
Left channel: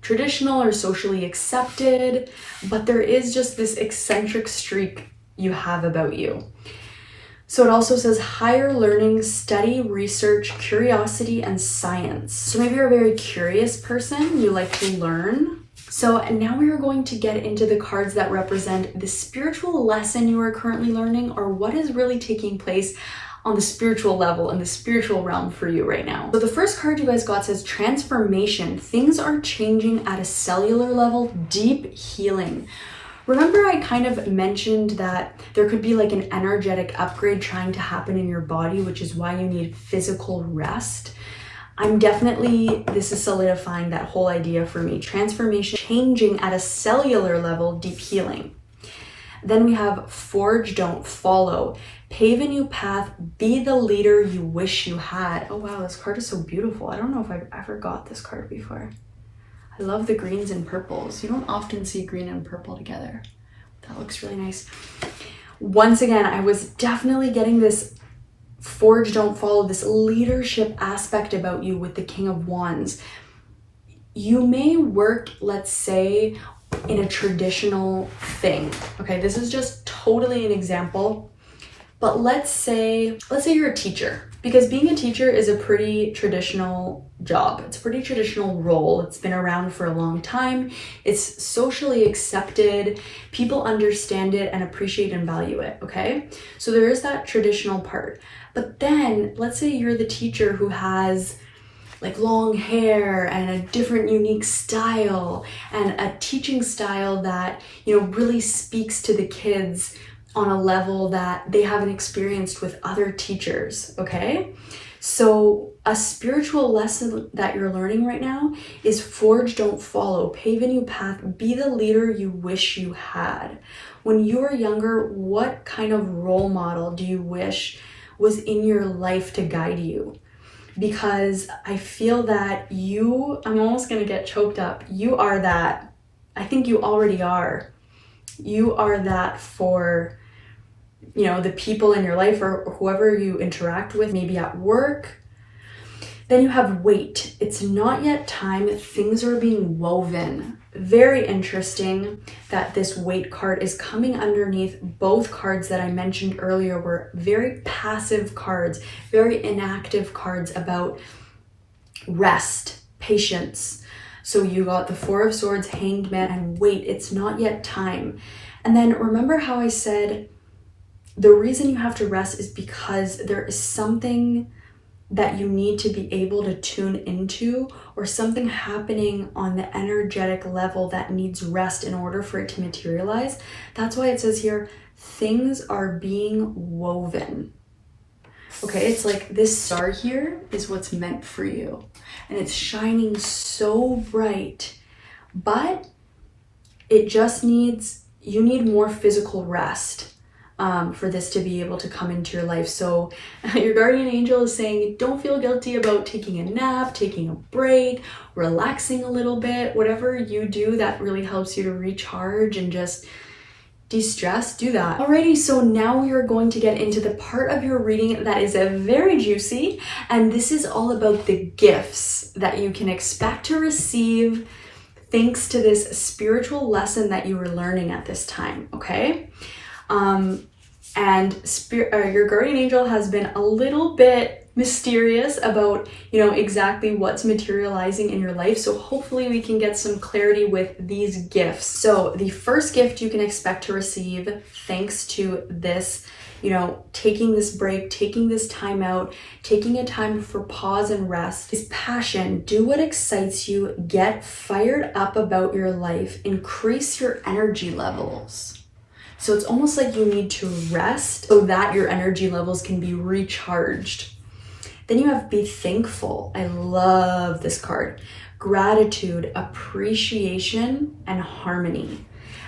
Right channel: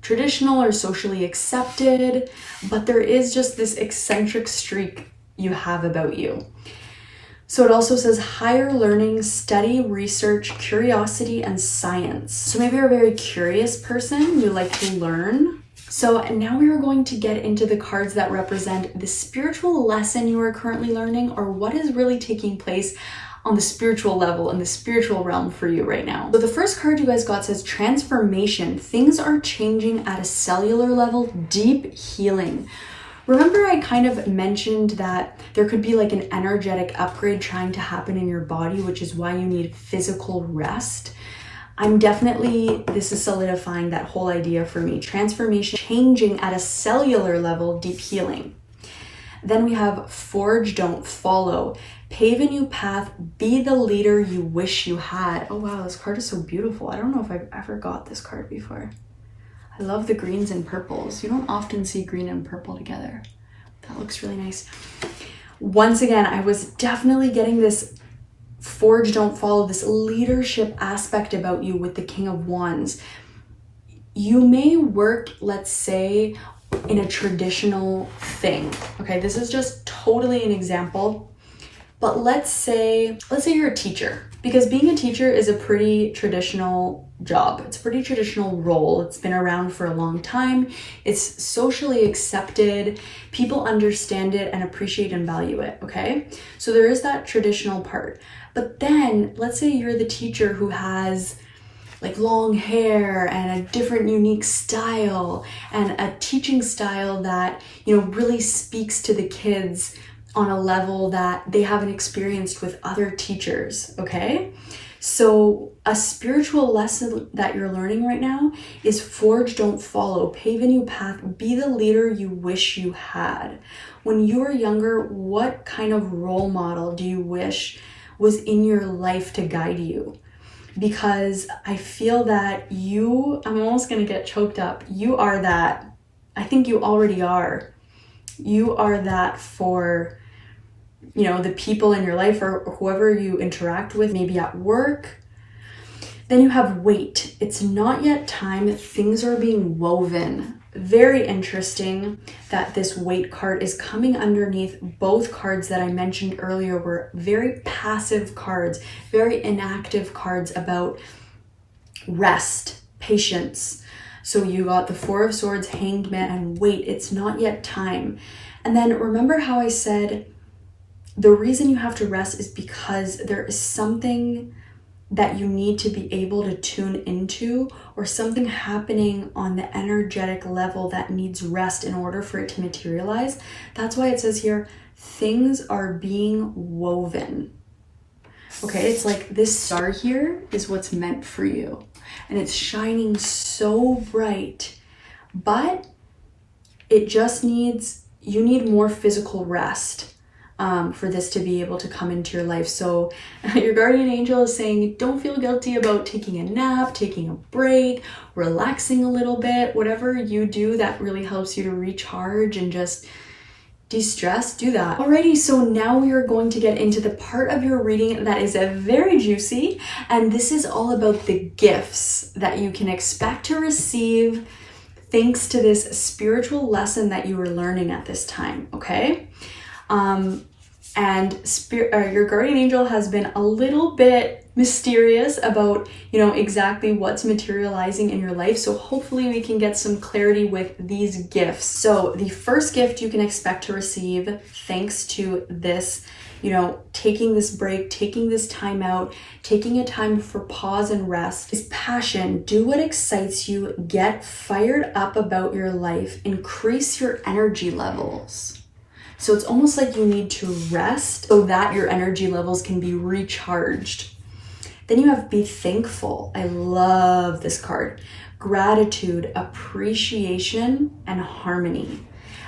traditional or socially accepted, but there is just this eccentric streak you have about you. So it also says higher learning, study, research, curiosity, and science. So maybe you're a very curious person, you like to learn. So now we are going to get into the cards that represent the spiritual lesson you are currently learning, or what is really taking place on the spiritual level, in the spiritual realm for you right now. So the first card you guys got says transformation. Things are changing at a cellular level, deep healing. Remember I kind of mentioned that there could be like an energetic upgrade trying to happen in your body, which is why you need physical rest. This is solidifying that whole idea for me. Transformation, changing at a cellular level, deep healing. Then we have forge, don't follow. Pave a new path, be the leader you wish you had. Oh wow, this card is so beautiful. I don't know if I've ever got this card before. I love the greens and purples. You don't often see green and purple together. That looks really nice. Once again, I was definitely getting this forge, don't follow, this leadership aspect about you with the King of Wands. You may work, let's say, in a traditional thing. Okay, this is just totally an example. But let's say you're a teacher, because being a teacher is a pretty traditional job. It's a pretty traditional role. It's been around for a long time. It's socially accepted. People understand it and appreciate and value it, okay? So there is that traditional part. But then let's say you're the teacher who has like long hair and a different unique style and a teaching style that, you know, really speaks to the kids on a level that they haven't experienced with other teachers, okay? So a spiritual lesson that you're learning right now is forge, don't follow, pave a new path, be the leader you wish you had. When you were younger, what kind of role model do you wish was in your life to guide you? Because I feel that I'm almost gonna get choked up. You are that. I think you already are. You are that for, you know, the people in your life or whoever you interact with, maybe at work. Then you have wait. It's not yet time. Things are being woven. Very interesting that this wait card is coming underneath both cards that I mentioned earlier were very passive cards, very inactive cards about rest, patience. So you got the Four of Swords, Hanged Man, and wait, it's not yet time. And then remember how I said the reason you have to rest is because there is something that you need to be able to tune into, or something happening on the energetic level that needs rest in order for it to materialize. That's why it says here, things are being woven. Okay, it's like this star here is what's meant for you. And it's shining so bright, but it just you need more physical rest for this to be able to come into your life. So your guardian angel is saying, don't feel guilty about taking a nap, taking a break, relaxing a little bit, whatever you do that really helps you to recharge and just de-stress, do that. Alrighty, so now we are going to get into the part of your reading that is a very juicy, and this is all about the gifts that you can expect to receive thanks to this spiritual lesson that you were learning at this time, okay? Your guardian angel has been a little bit mysterious about, you know, exactly what's materializing in your life. So hopefully we can get some clarity with these gifts. So the first gift you can expect to receive thanks to this, you know, taking this break, taking this time out, taking a time for pause and rest is passion. Do what excites you, get fired up about your life, increase your energy levels. So it's almost like you need to rest so that your energy levels can be recharged. Then you have be thankful. I love this card. Gratitude, appreciation, and harmony.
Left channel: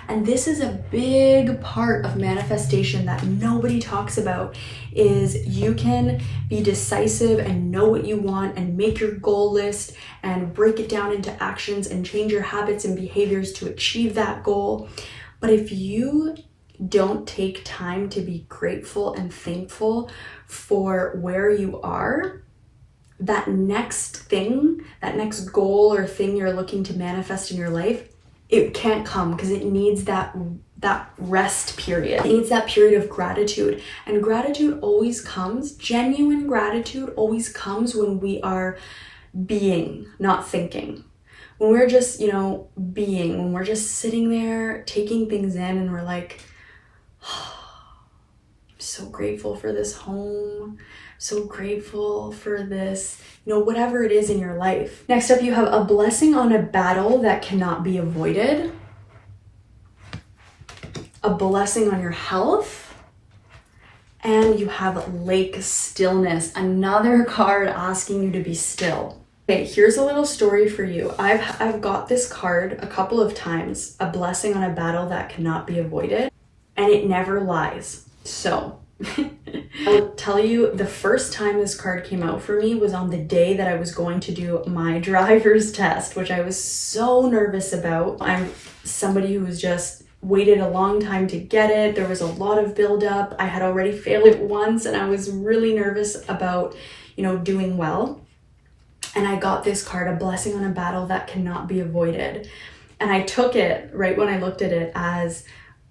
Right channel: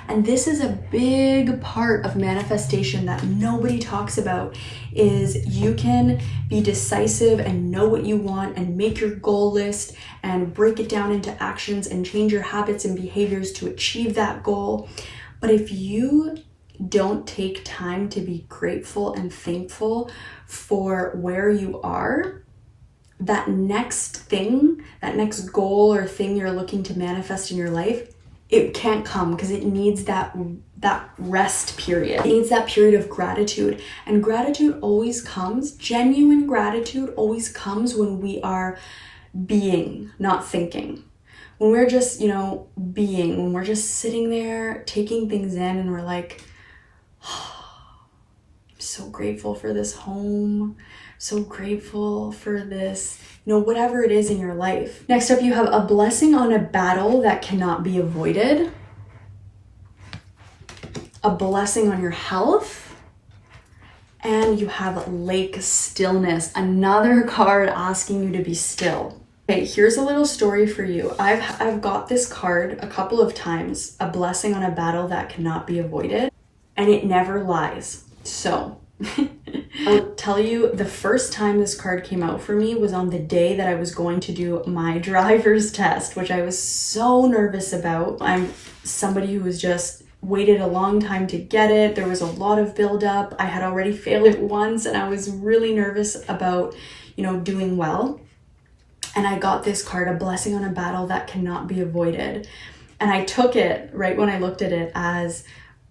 And this is a big part of manifestation that nobody talks about, is you can be decisive and know what you want and make your goal list and break it down into actions and change your habits and behaviors to achieve that goal. But if you don't take time to be grateful and thankful for where you are, that next thing, that next goal or thing you're looking to manifest in your life, it can't come because it needs that rest period. It needs that period of gratitude. And gratitude always comes, genuine gratitude always comes when we are being, not thinking. When we're just, you know, being, when we're just sitting there taking things in and we're like, I'm so grateful for this home, so grateful for this, you know, whatever it is in your life. Next up, you have a blessing on a battle that cannot be avoided, a blessing on your health, and you have lake stillness, another card asking you to be still. Okay, here's a little story for you. I've got this card a couple of times, a blessing on a battle that cannot be avoided, and it never lies. So I'll tell you, the first time this card came out for me was on the day that I was going to do my driver's test, which I was so nervous about. I'm somebody who was just waited a long time to get it. There was a lot of buildup. I had already failed it once and I was really nervous about, you know, doing well. And I got this card, a blessing on a battle that cannot be avoided. And I took it right when I looked at it as,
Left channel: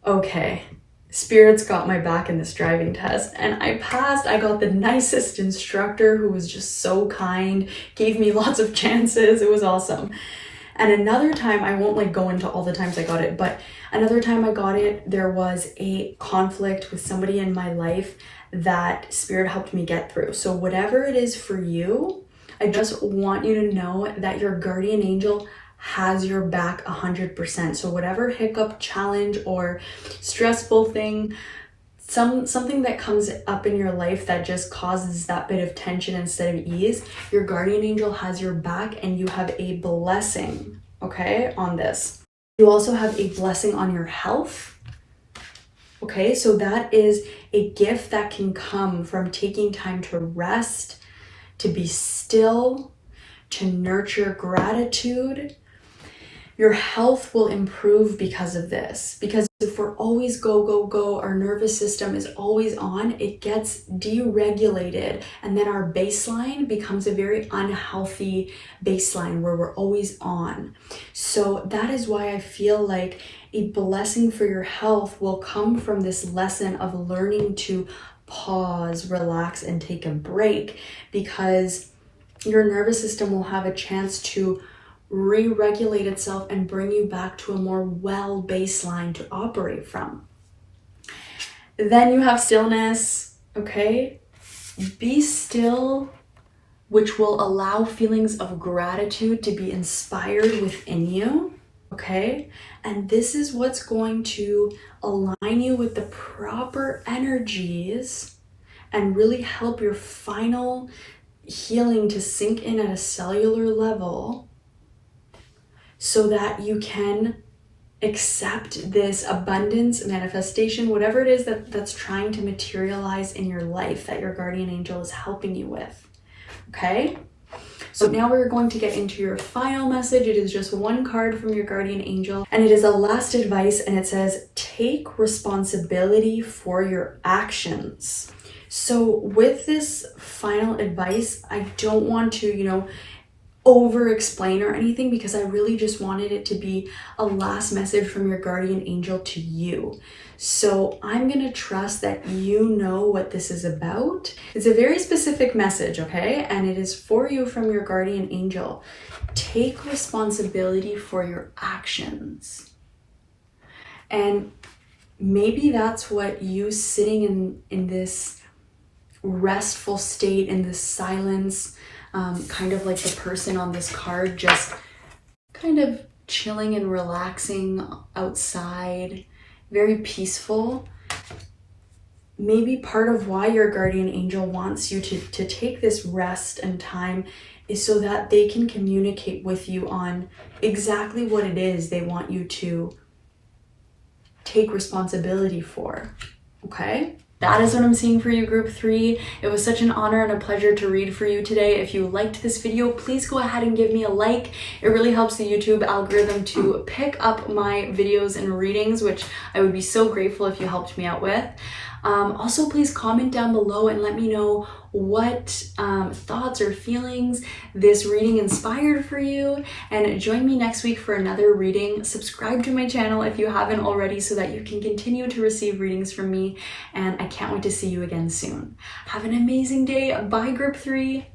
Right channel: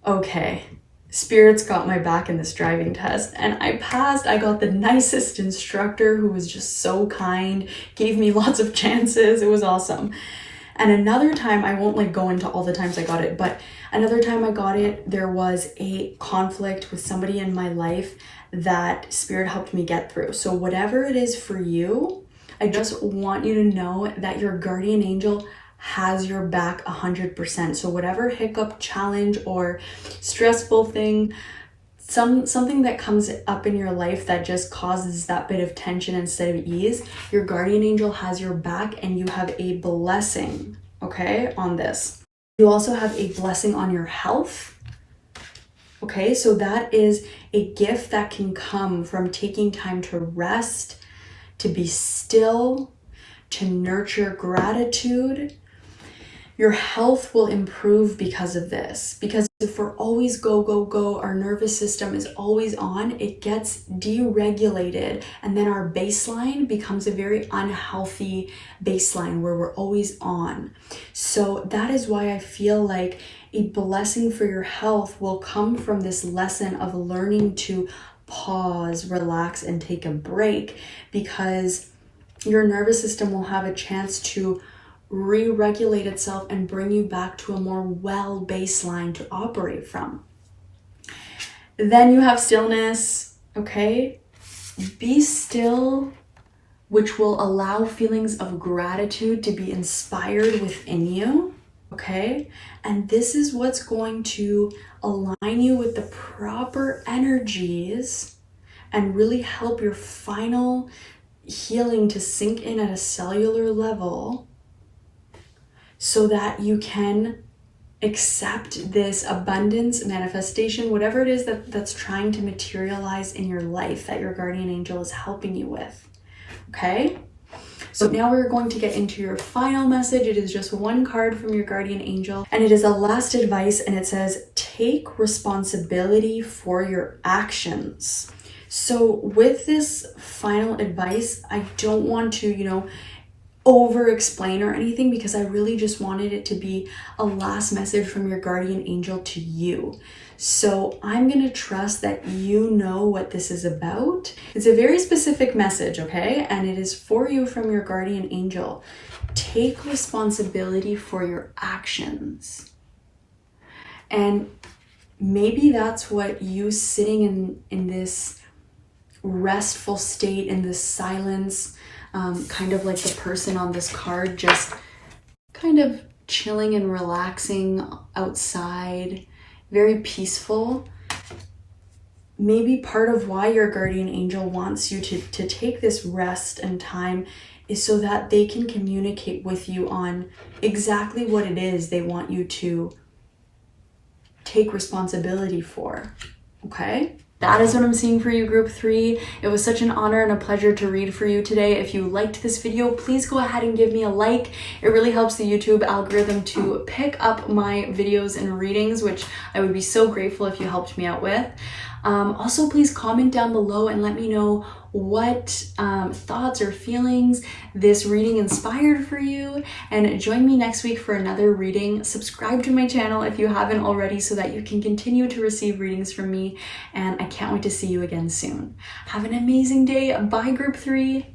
okay, Spirit's got my back in this driving test, and I passed. I got the nicest instructor who was just so kind, gave me lots of chances. It was awesome. And another time, I won't like go into all the times I got it, but another time I got it, there was a conflict with somebody in my life that Spirit helped me get through. So whatever it is for you, I just want you to know that your guardian angel has your back 100%. So whatever hiccup, challenge, or stressful thing, something that comes up in your life that just causes that bit of tension instead of ease, your guardian angel has your back, and you have a blessing, okay, on this. You also have a blessing on your health. Okay, so that is a gift that can come from taking time to rest, to be still, to nurture gratitude. Your health will improve because of this. Because if we're always go, go, go, our nervous system is always on, it gets deregulated. And then our baseline becomes a very unhealthy baseline where we're always on. So that is why I feel like a blessing for your health will come from this lesson of learning to pause, relax, and take a break, because your nervous system will have a chance to re-regulate itself and bring you back to a more well baseline to operate from. Then you have stillness, okay? Be still, which will allow feelings of gratitude to be inspired within you, okay? And this is what's going to align you with the proper energies and really help your final healing to sink in at a cellular level, so that you can accept this abundance, manifestation, whatever it is that's trying to materialize in your life that your guardian angel is helping you with, okay? So now we're going to get into your final message. It is just one card from your guardian angel, and it is a last advice, and it says, take responsibility for your actions. So with this final advice, I don't want to, over explain or anything, because I really just wanted it to be a last message from your guardian angel to you. So I'm going to trust that you know what this is about. It's a very specific message, okay? And it is for you from your guardian angel. Take responsibility for your actions. And maybe that's what you sitting in this restful state, in this silence, kind of like the person on this card, just kind of chilling and relaxing outside, very peaceful. Maybe part of why your guardian angel wants you to take this rest and time is so that they can communicate with you on exactly what it is they want you to take responsibility for, okay? That is what I'm seeing for you, group 3. It was such an honor and a pleasure to read for you today. If you liked this video, please go ahead and give me a like. It really helps the YouTube algorithm to pick up my videos and readings, which I would be so grateful if you helped me out with. Also, please comment down below and let me know what thoughts or feelings this reading inspired for you, and join me next week for another reading. Subscribe to my channel if you haven't already so that you can continue to receive readings from me, and I can't wait to see you again soon. Have an amazing day. Bye, group 3.